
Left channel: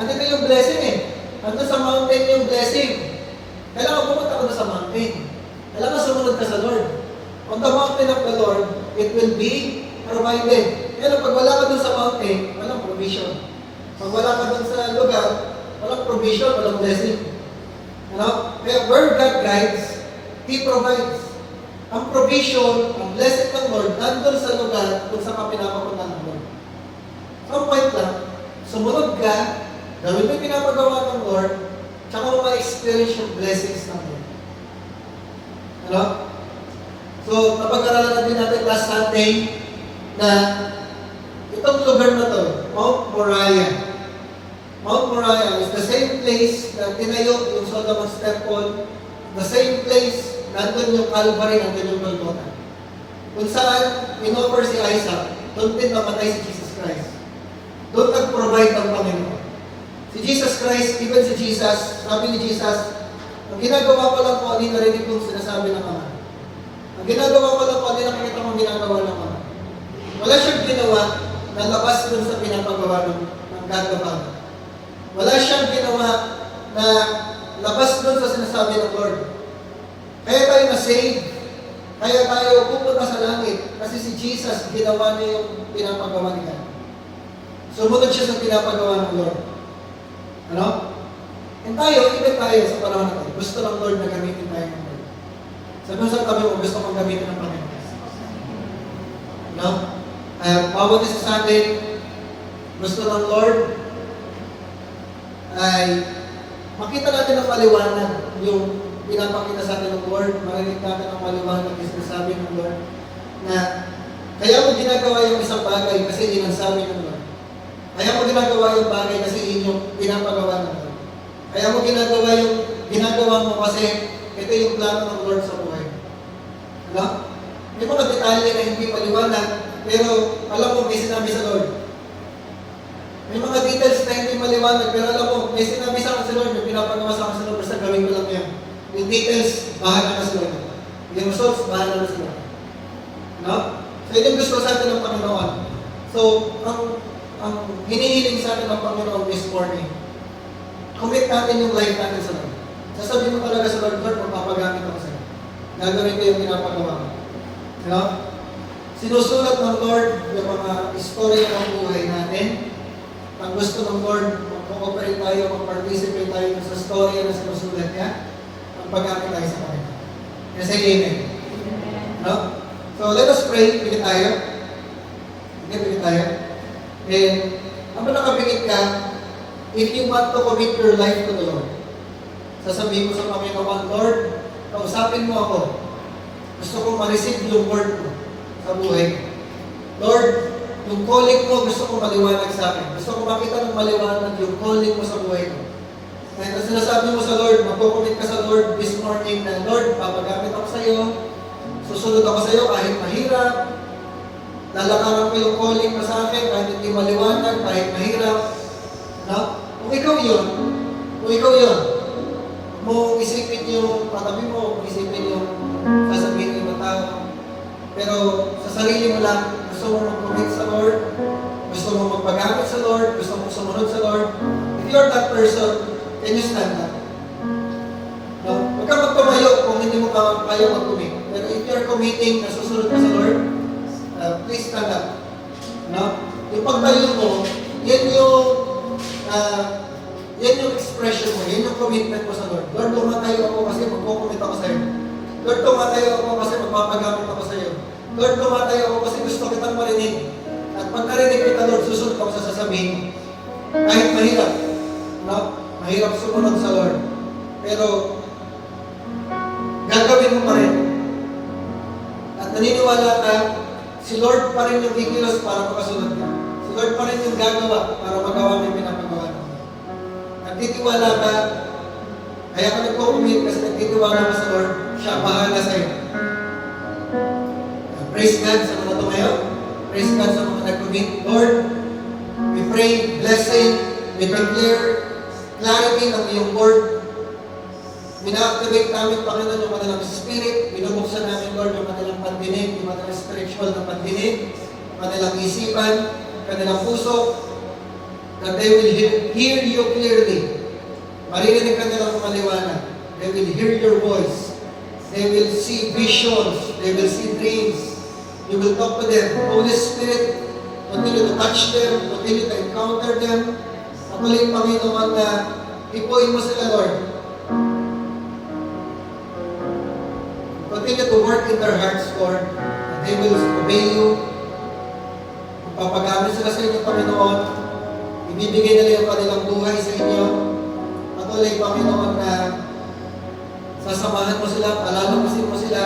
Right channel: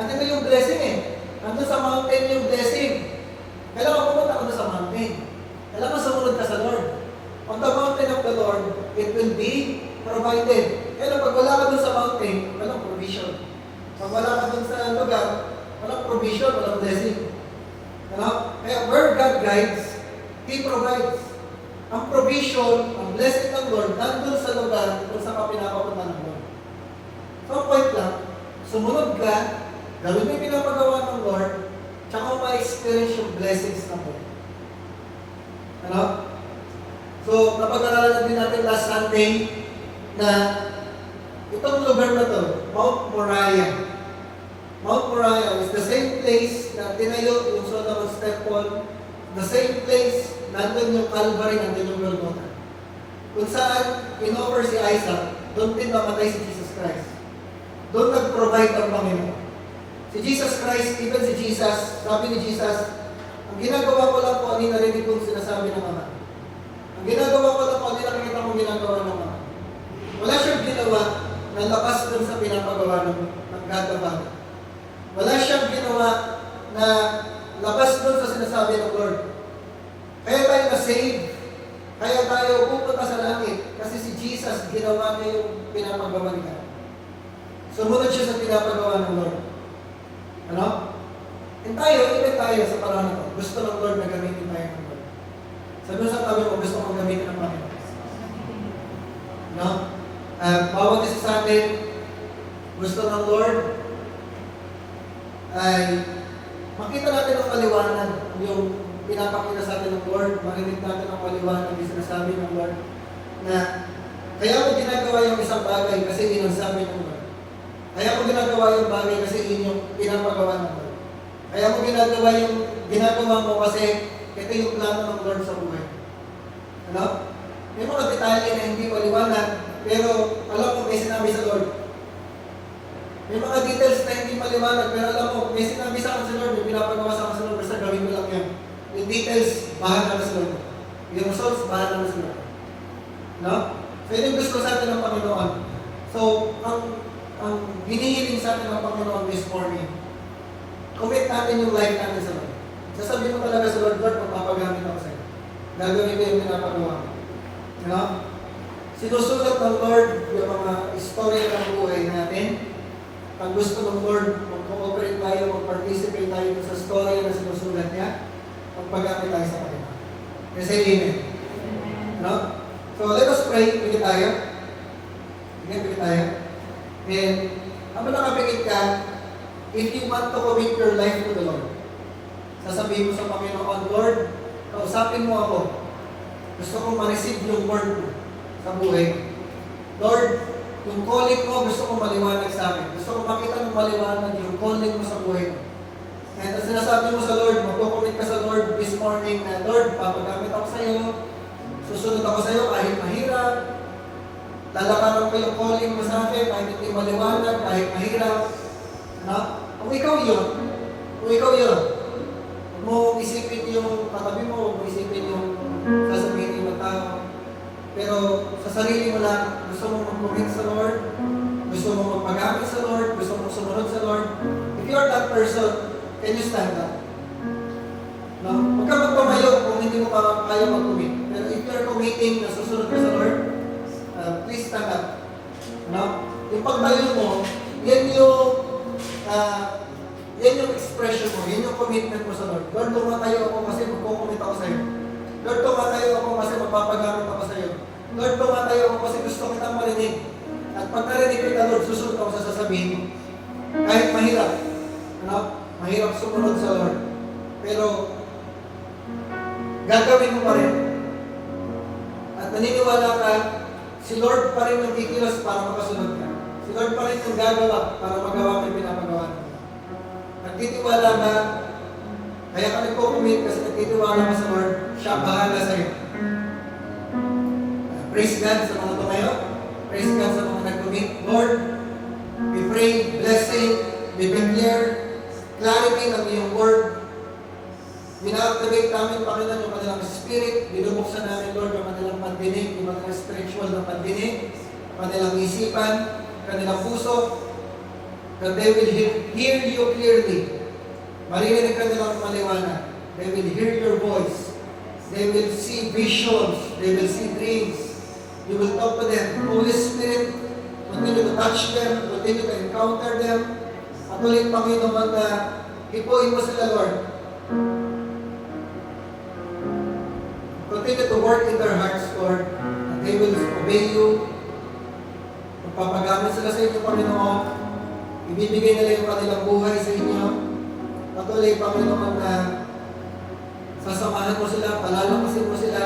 Andun na yung blessing eh. Andun sa mountain yung blessing. Kailangan pumunta ka doon sa mountain. Kailangan sumunod ka sa Lord. On the mountain of the Lord, it will be provided. Kaya pag wala ka doon sa mountain, walang provision. Pag wala ka doon sa lugar, walang provision, walang blessing. Ano? Kaya where God guides, He provides. Ang provision, ang blessing ng Lord, nandun sa lugar kung saan ka pinapapunta ng Lord. So, point lang, sumunod ka, gawin mo yung pinapagawa ng Lord, tsaka mo ma-experience yung blessings ng Lord. Ano? So, napag-aralan natin last Sunday na itong lugar na to, Mount Moriah. Mount Moriah is the same place na tinayo yung Solomon's Temple, the same place, nandun yung Calvary, nandun yung Golgotha. Kung saan in-offer si Isaac, doon din namatay si Jesus Christ. Doon nag-provide ang Panginoon. Si Jesus Christ, even si Jesus, sabi ni Jesus, ang ginagawa ko lang po, hindi narinig kong sinasabi ng Ama. Ang ginagawa ko lang po, hindi nakikita kong ginagawa ng Ama. Wala siyang ginawa na labas dun sa pinapagawa ng God the Father. Wala siyang ginawa na labas dun sa sinasabi ng Lord. Kaya tayo na-save. Kaya tayo pupunta sa langit. Kasi si Jesus, ginawa niya yung pinapagawa niya. Sumunod siya sa pinapagawa ng Lord. Ano? And tayo, even tayo sa panahon na ito, gusto ng Lord na gamitin tayo ng Lord. Sabi mo sa tabi mo, gusto mong gamitin ng Panginoon. No? Bawat isa sa atin, gusto ng Lord ay makita natin ang maliwanag yung pinapakita sa atin ng Lord, marinig natin ang maliwanag yung sinasabi ng Lord na kaya mo ginagawa yung isang bagay kasi yun ang sabi ng Lord. Kaya mo ginagawa yung bagay kasi yun yung pinapagawa ng Lord. Kaya mo ginagawa mo kasi ito yung plano ng Lord sa buhay. Ano? May mga detalye na hindi maliwanag, pero alam mo, may sinabi sa Lord. May mga details na hindi maliwanag, pero alam mo, may sinabi sa akin sa Lord, may pinapagawa sa akin sa Lord, basta gawin ko lang yan. Yung details, bahala na sa Lord. Yung results, bahala na sa Lord. No? So, yun yung gusto sa atin ng Panginoon. So, ang hinihiling sa atin ng Panginoon this morning, commit natin yung life natin sa Lord. Sasabihin mo talaga sa Lord, Lord, magpapagamit ako sa'yo. Gagawin ko yung pinapagawa mo. No? Sinusunod ng Lord yung mga istorya ng buhay natin. Pag gusto ng Lord, mag-cooperate tayo, mag-participate tayo sa storya na sinusulat niya, magpagamit tayo sa Panginoon. Kasi amen. No? So, let us pray. Pigit tayo. Pigit tayo. Then, habang nakapigit ka, if you want to commit your life to the Lord, sasabihin mo sa Panginoon, Lord, kausapin mo ako. Gusto kong ma-receive yung word mo sa buhay. Lord, yung calling ko, gusto kong maliwanag sa akin. Gusto kong makita ng maliwanag yung calling mo sa buhay ko. Kahit ang sinasabi mo sa Lord, magkukumit ka sa Lord this morning na, Lord, papagamit ako sa iyo, susunod ako sa iyo kahit mahirap, lalakaran ko yung calling mo sa akin kahit hindi maliwanag, kahit mahirap. No? Kung ikaw yun, huwag mo isipin yung katabi mo, huwag mo isipin yung sasabihin ng ibang tao. Pero sa sarili mo lang, gusto mo mag-commit sa Lord, gusto mo magpagamit sa Lord, gusto mo sumunod sa Lord. If you're that person, can you stand up? No? Huwag ka magpamayo kung hindi mo kaya mag-commit. Pero if you're committing na susunod ka sa Lord, please stand up. No? Yung pagtayo mo, yan yung expression mo, yan yung commitment mo sa Lord. Lord, tumatayo ako kasi magkukumit ako sa iyo. Lord, tumatayo ako kasi magpapagamit ako sa iyo. Lord, tumatayo ako kasi gusto kitang marinig. At pag narinig kita, Lord, susunod ako sa sasabihin. Kahit mahirap, no? Mahirap sumunod sa Lord. Pero, gagawin mo pa rin. At naniniwala ka, si Lord pa rin yung kikilos para makasunod ka. Si Lord pa rin yung gagawa para magawa mo yung pinapagawa mo. Nagtitiwala ka, kaya ka nagkukumit kasi nagtitiwala ka sa Lord, siya bahala sa iyo. Praise God sa mga tumayo. Praise God sa mga nag-commit. Lord, we pray blessing, we declare clarity ng iyong word. Mina-activate namin, Panginoon, yung kanilang spirit. Binubuksan namin, Lord, yung kanilang pandinig, yung kanilang spiritual na pandinig, yung kanilang isipan, kanilang puso, that they will hear you clearly. Marinig ka nilang maliwanag. They will hear your voice. They will see visions. They will see dreams. You will talk to them. Holy Spirit, continue to touch them, continue to encounter them. At muling, Panginoon, na ipuin mo sila, Lord. Continue to work in their hearts, Lord. And they will obey you. Magpapagamit sila sa inyo, Panginoon. Ibibigay nila yung kanilang buhay sa inyo. Patuloy, Panginoon, na sasamahan mo sila, palalakasin mo sila,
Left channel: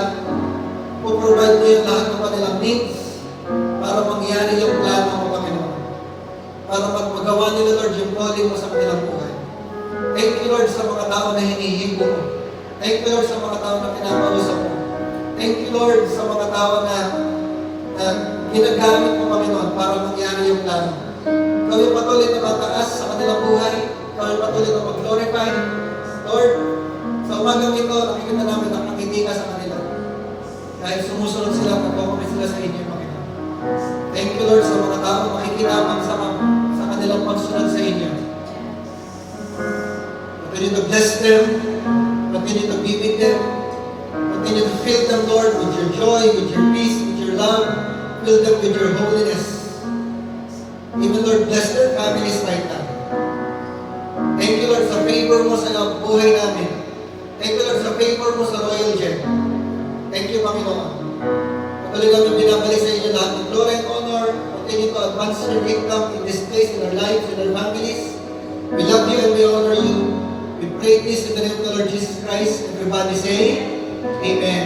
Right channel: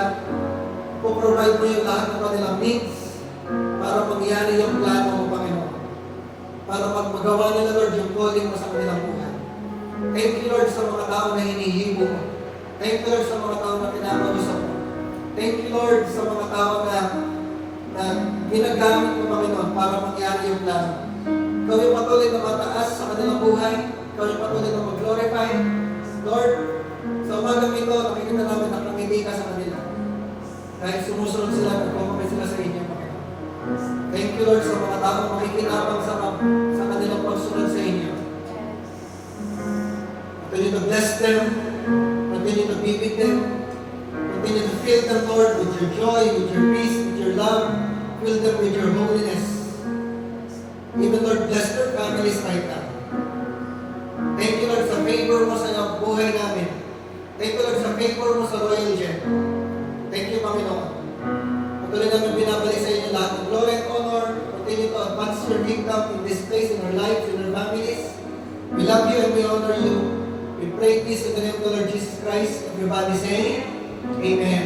puprovide mo yung lahat ng kanilang needs para mangyari yung plano mo, Panginoon. Para magmagawa nila, Lord, yung calling mo sa kanilang buhay. Thank you, Lord, sa mga tao na hinihingo mo. Thank you, Lord, sa mga tao na pinapag-usap mo. Thank you, Lord, sa mga tao na ginagamit mo, Panginoon, para mangyari yung plano. Ikaw yung patuloy na mataas sa kanilang buhay. Ikaw yung patuloy na mag-glorify. Lord, sa umagang ito, nakikita namin ang pangiti ka sa kanila. Dahil sumusunod sila, nagpapakit sila sa inyo, Panginoon. Thank you, Lord, sa mga tao na makikinabang sa kanilang pagsunod sa inyo. Continue to bless them. Continue to be with them. Continue to fill them, Lord, with your joy, with your peace, with your love. Fill them with your holiness. Even, Lord, bless their families right now. Thank you, Lord, sa favor mo sa buhay namin. Thank you, Lord, sa favor mo sa Royal Gen. Thank you, Panginoon. Patuloy namin binabalik sa inyo lahat ng glory and honor. Continue to advance your kingdom in this place, in our lives, in our families. We love you and we honor you. We pray this in the name of the Lord Jesus Christ. Everybody say, Amen.